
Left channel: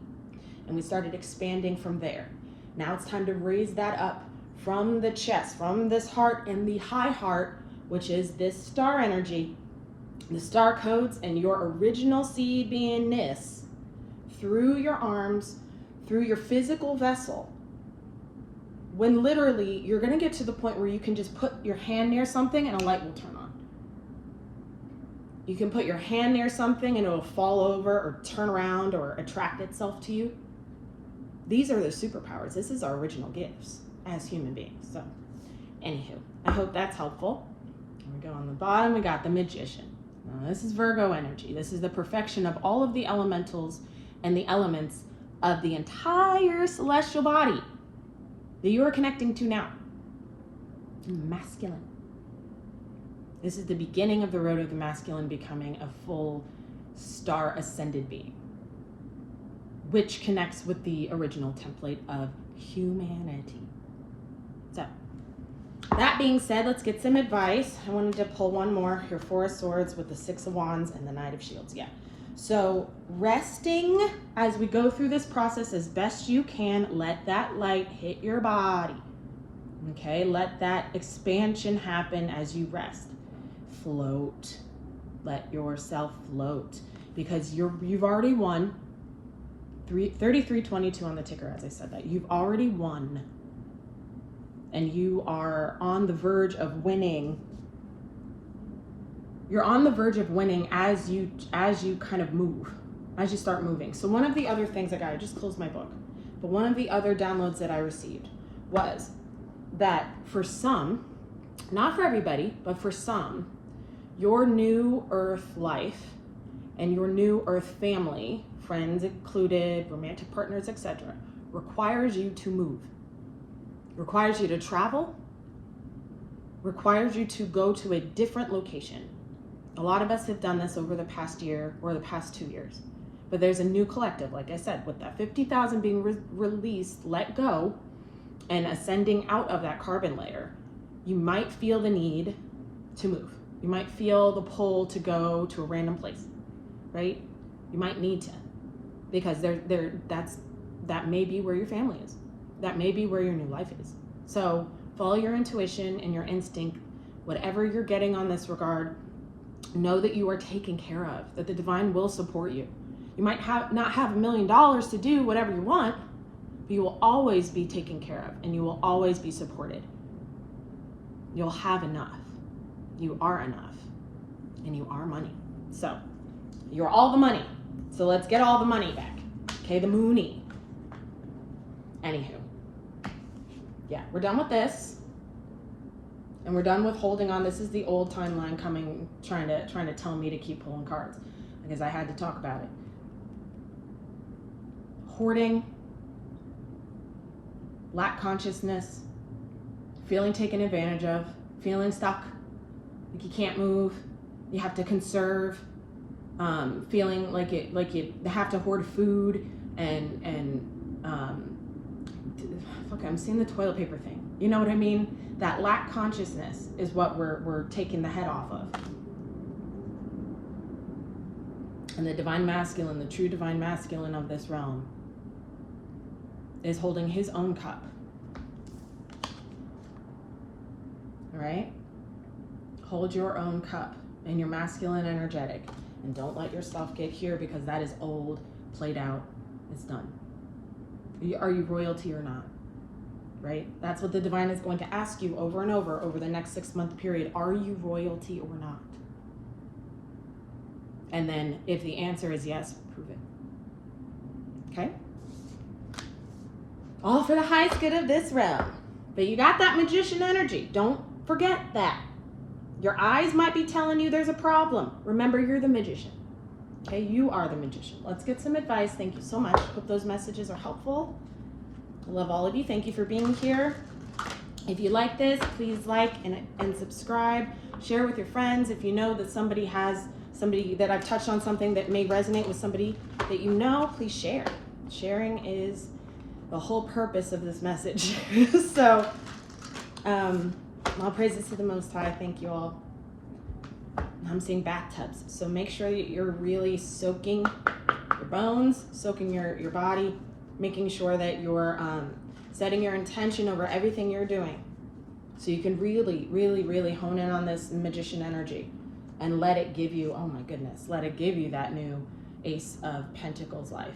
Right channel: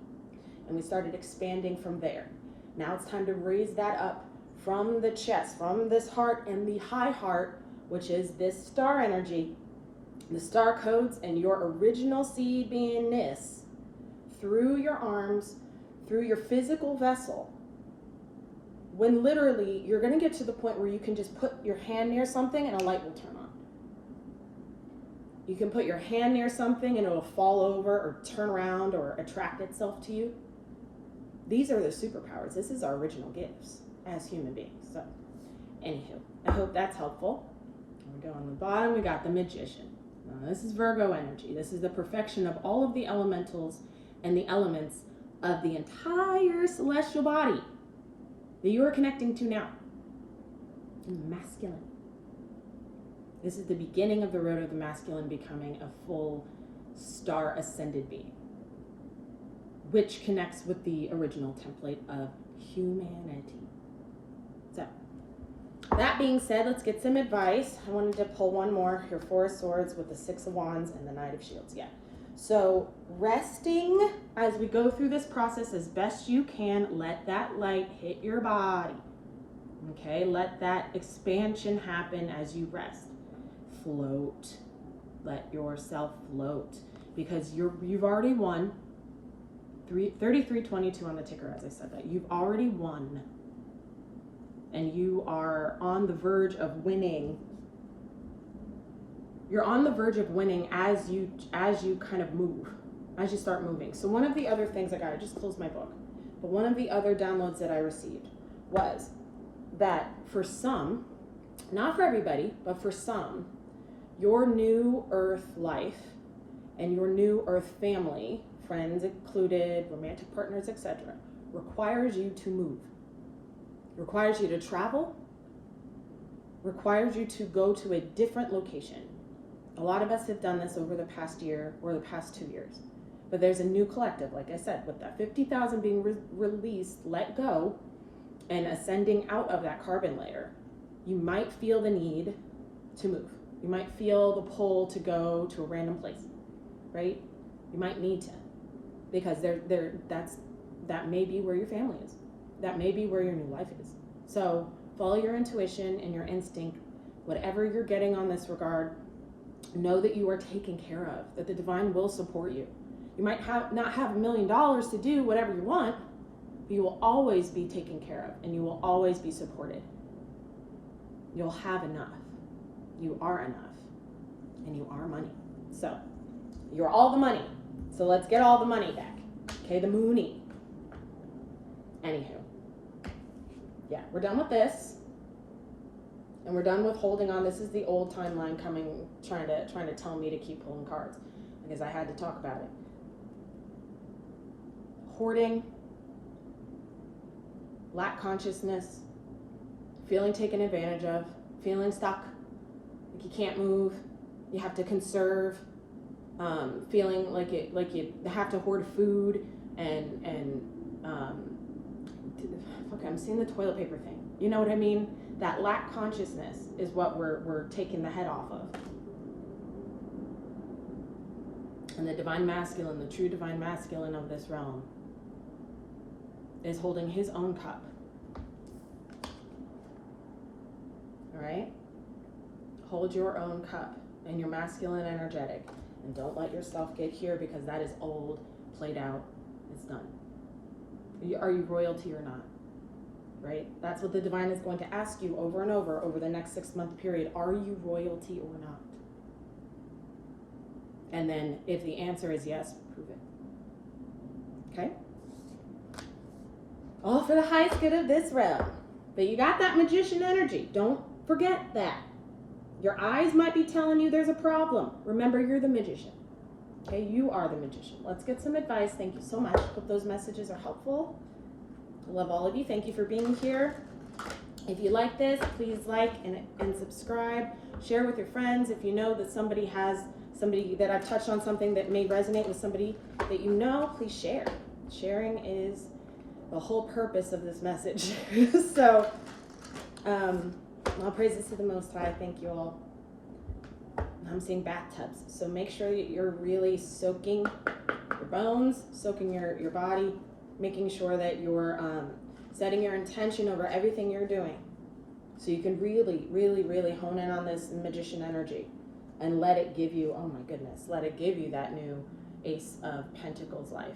And we started expanding from there. Now it's time to raise that up from the chest, from this heart and the high heart, which is this star energy, the star codes and your original seed beingness through your arms, through your physical vessel. When literally you're going to get to the point where you can just put your hand near something and a light will turn on. You can put your hand near something and it will fall over or turn around or attract itself to you. These are the superpowers. This is our original gifts as human beings. So, anywho, I hope that's helpful. Here we go on the bottom. We got the Magician. Now, this is Virgo energy. This is the perfection of all of the elementals and the elements of the entire celestial body that you are connecting to now. Masculine. This is the beginning of the road of the masculine becoming a full star ascended being, which connects with the original template of humanity. So, that being said, let's get some advice. I wanted to pull one more, your Four of Swords with the Six of Wands and the Knight of Shields. Yeah. So, resting as we go through this process as best you can. Let that light hit your body. Okay, let that expansion happen as you rest. Float. Let yourself float because you've already won. 3322 on the ticker as I said that. You've already won. And you are on the verge of winning. You're on the verge of winning as you kind of move, as you start moving. So one of the other things I just closed my book, but one of the other downloads that I received was that for some, not for everybody, but for some, your new earth life and your new earth family, friends included, romantic partners, etc., requires you to move. Requires you to travel, requires you to go to a different location. A lot of us have done this over the past year or the past 2 years. But there's a new collective, like I said, with that 50,000 being released, let go, and ascending out of that carbon layer, you might feel the need to move. You might feel the pull to go to a random place, right? You might need to, because that may be where your family is. That may be where your new life is. So follow your intuition and your instinct. Whatever you're getting on this regard, know that you are taken care of, that the divine will support you. You might not have $1 million to do whatever you want, but you will always be taken care of and you will always be supported. You'll have enough. You are enough. And you are money. So you're all the money. So let's get all the money back. Okay, the Moonie. Anywho, yeah, we're done with this. And we're done with holding on. This is the old timeline coming, trying to tell me to keep pulling cards because I had to talk about it. Hoarding, lack consciousness, feeling taken advantage of, feeling stuck, like you can't move, you have to conserve, feeling like you have to hoard food fuck, I'm seeing the toilet paper thing. You know what I mean? That lack consciousness is what we're taking the head off of. And the divine masculine, the true divine masculine of this realm, is holding his own cup. All right? Hold your own cup in your masculine energetic. And don't let your stuff get here because that is old, played out, it's done. Are you royalty or not? Right? That's what the divine is going to ask you over and over the next 6-month period. Are you royalty or not? And then if the answer is yes, prove it. Okay? All for the highest good of this realm. But you got that magician energy. Don't forget that. Your eyes might be telling you there's a problem. Remember, you're the magician. Okay? You are the magician. Let's get some advice. Thank you so much. Hope those messages are helpful. I love all of you. Thank you for being here. If you like this, please like and subscribe. Share with your friends. If you know that somebody that I've touched on something that may resonate with somebody that you know, please share. Sharing is the whole purpose of this message. So, all praises to the Most High. Thank you all. I'm seeing bathtubs. So make sure that you're really soaking your bones, soaking your body, making sure that you're setting your intention over everything you're doing so you can really, really, really hone in on this magician energy and let it give you, oh my goodness, let it give you that new Ace of Pentacles life.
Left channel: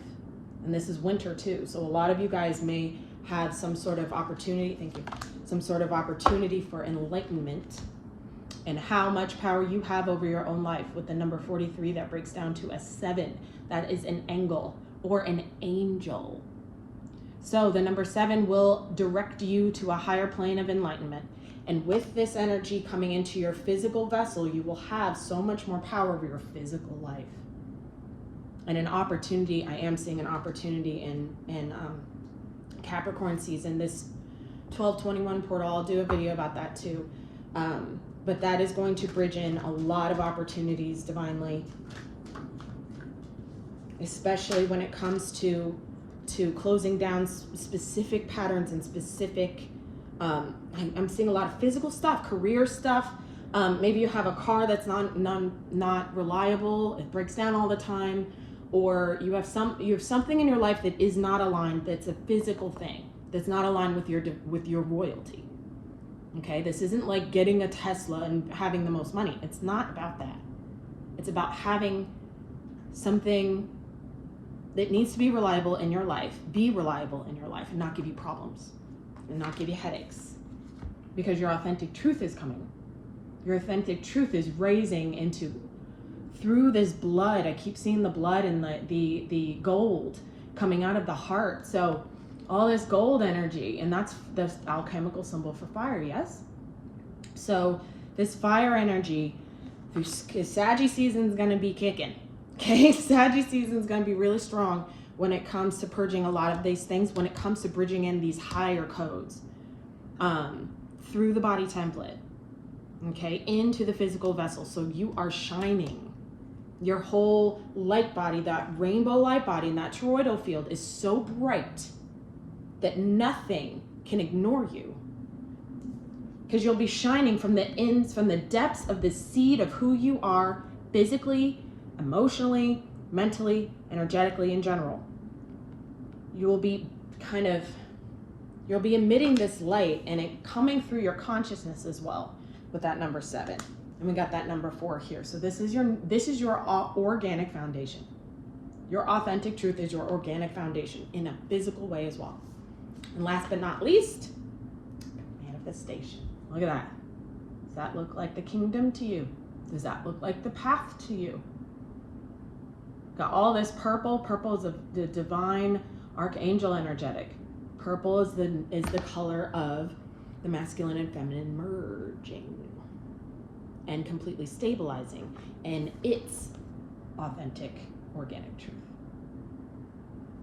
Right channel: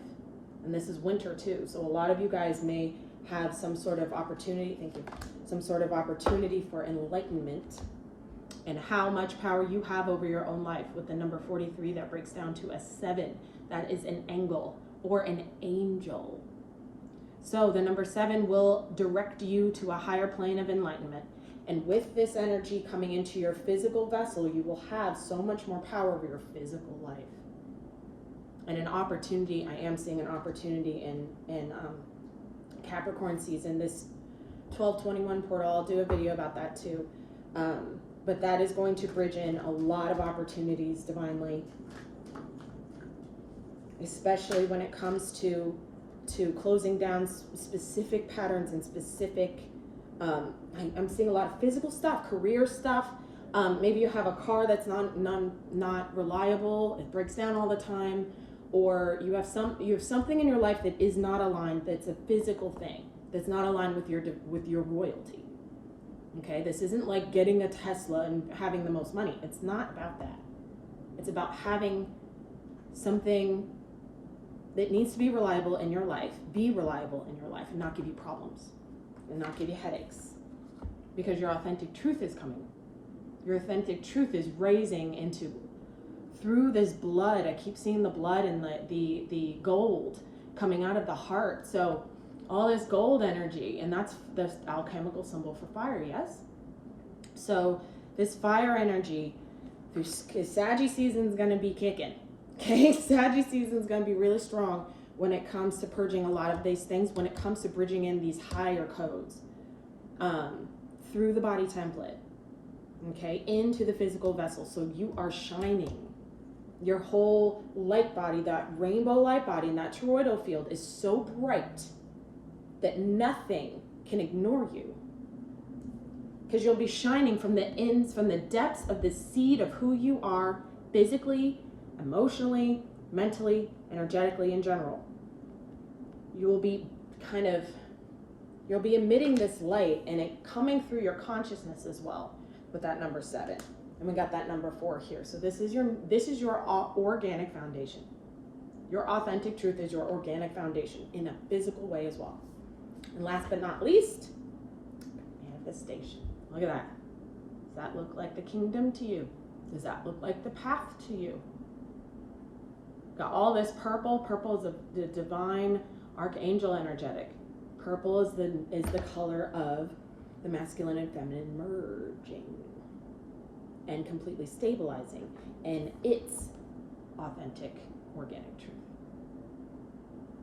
And this is winter too. So a lot of you guys may have some sort of opportunity, thank you, some sort of opportunity for enlightenment and how much power you have over your own life. With the number 43, that breaks down to a 7. That is an angle or an angel. So the number 7 will direct you to a higher plane of enlightenment. And with this energy coming into your physical vessel, you will have so much more power over your physical life. And an opportunity, I am seeing an opportunity in Capricorn season, this 1221 portal. I'll do a video about that too. But that is going to bridge in a lot of opportunities divinely, especially when it comes to closing down specific patterns and specific, I'm seeing a lot of physical stuff, career stuff. Maybe you have a car that's not reliable, it breaks down all the time, or you have something in your life that is not aligned, that's a physical thing, that's not aligned with your royalty. Okay, this isn't like getting a Tesla and having the most money. It's not about that. It's about having something that needs to be reliable in your life, be reliable in your life, and not give you problems, and not give you headaches, because your authentic truth is coming. Your authentic truth is raising into, through this blood. I keep seeing the blood and the gold coming out of the heart. So all this gold energy, and that's the alchemical symbol for fire, yes? So this fire energy, through Saggy season is going to be kicking. Okay, Saggy season is going to be really strong when it comes to purging a lot of these things, when it comes to bridging in these higher codes through the body template, okay, into the physical vessel. So you are shining. Your whole light body, that rainbow light body, and that toroidal field is so bright that nothing can ignore you, because you'll be shining from the depths of the seed of who you are, physically, emotionally, mentally, energetically, in general. You'll be emitting this light, and it coming through your consciousness as well with that number 7. And we got that number 4 here. So this is your organic foundation. Your authentic truth is your organic foundation in a physical way as well. And last but not least, manifestation. Look at that. Does that look like the kingdom to you? Does that look like the path to you? Got all this purple. Purple is the divine archangel energetic. Purple is the color of the masculine and feminine merging and completely stabilizing, and it's authentic, organic truth.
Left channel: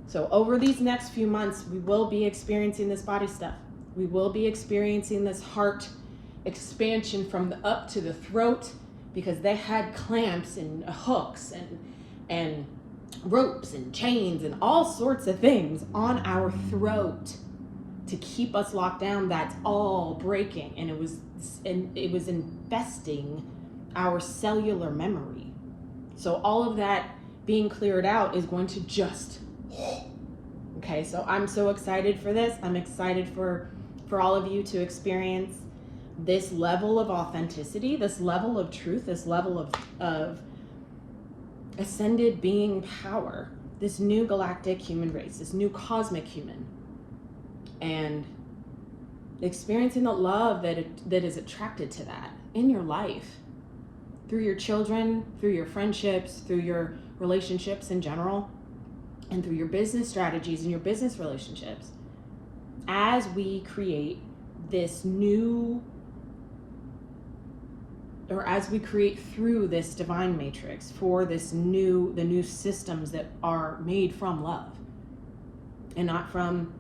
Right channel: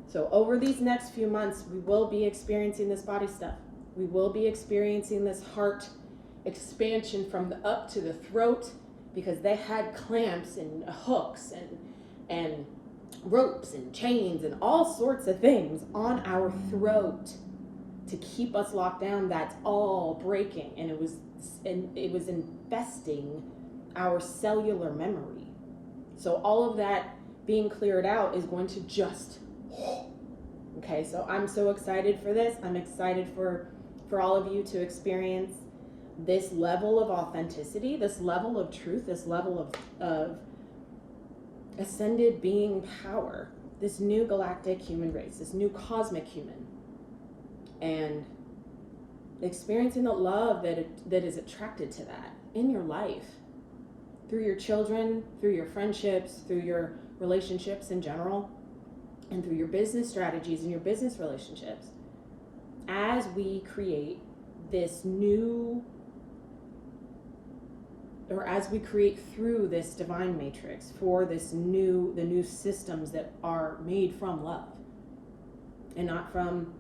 So over these next few months, we will be experiencing this body stuff. We will be experiencing this heart expansion from the up to the throat, because they had clamps and hooks and ropes and chains and all sorts of things on our throat to keep us locked down. That's all breaking, and it was infesting our cellular memory. So all of that being cleared out is going to just, okay, so I'm so excited for this. I'm excited for all of you to experience this level of authenticity, this level of truth, this level of ascended being power, this new galactic human race, this new cosmic human, and experiencing the love that is attracted to that in your life, through your children, through your friendships, through your relationships in general, and through your business strategies and your business relationships, as we create this new, or as we create through this divine matrix for the new systems that are made from love and not from,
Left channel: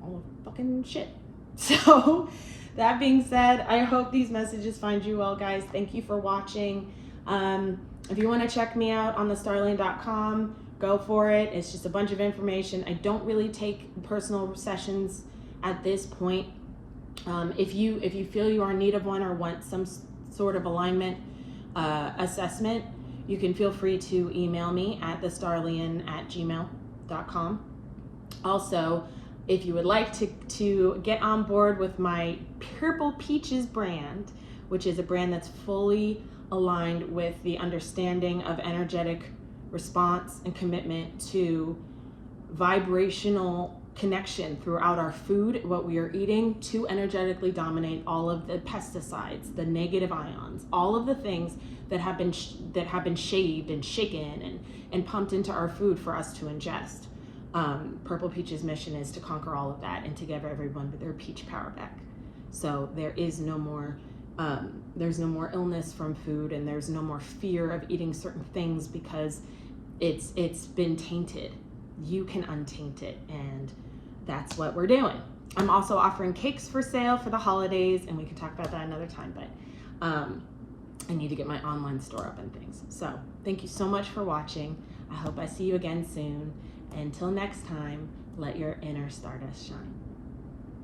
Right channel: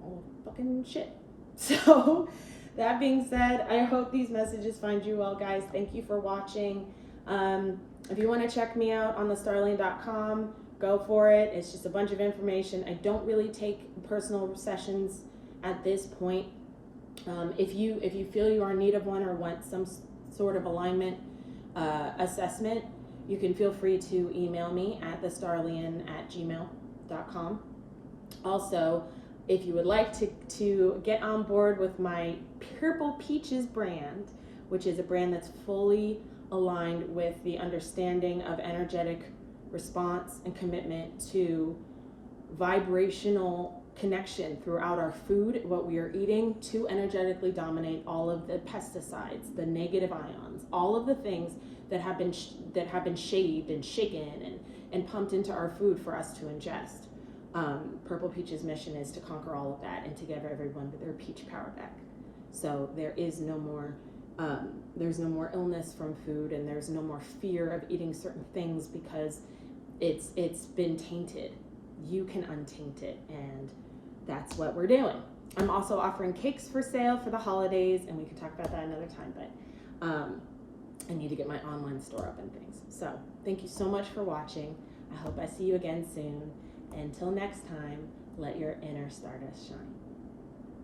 all the fucking shit. So that being said, I hope these messages find you well, guys. Thank you for watching. If you want to check me out on thestarlian.com, go for it. It's just a bunch of information. I don't really take personal sessions at this point. If you feel you are in need of one or want some sort of alignment assessment, you can feel free to email me at thestarlian@gmail.com. Also, if you would like to get on board with my Purple Peaches brand, which is a brand that's fully aligned with the understanding of energetic response and commitment to vibrational connection throughout our food, what we are eating, to energetically dominate all of the pesticides, the negative ions, all of the things that have been shaved and shaken and pumped into our food for us to ingest. Purple Peach's mission is to conquer all of that and to give everyone their peach power back. So there is no more there's no more illness from food, and there's no more fear of eating certain things because it's been tainted. You can untaint it, and that's what we're doing. I'm also offering cakes for sale for the holidays, and we can talk about that another time, but I need to get my online store up and things. So thank you so much for watching. I hope I see you again soon. Until next time, let your inner stardust shine.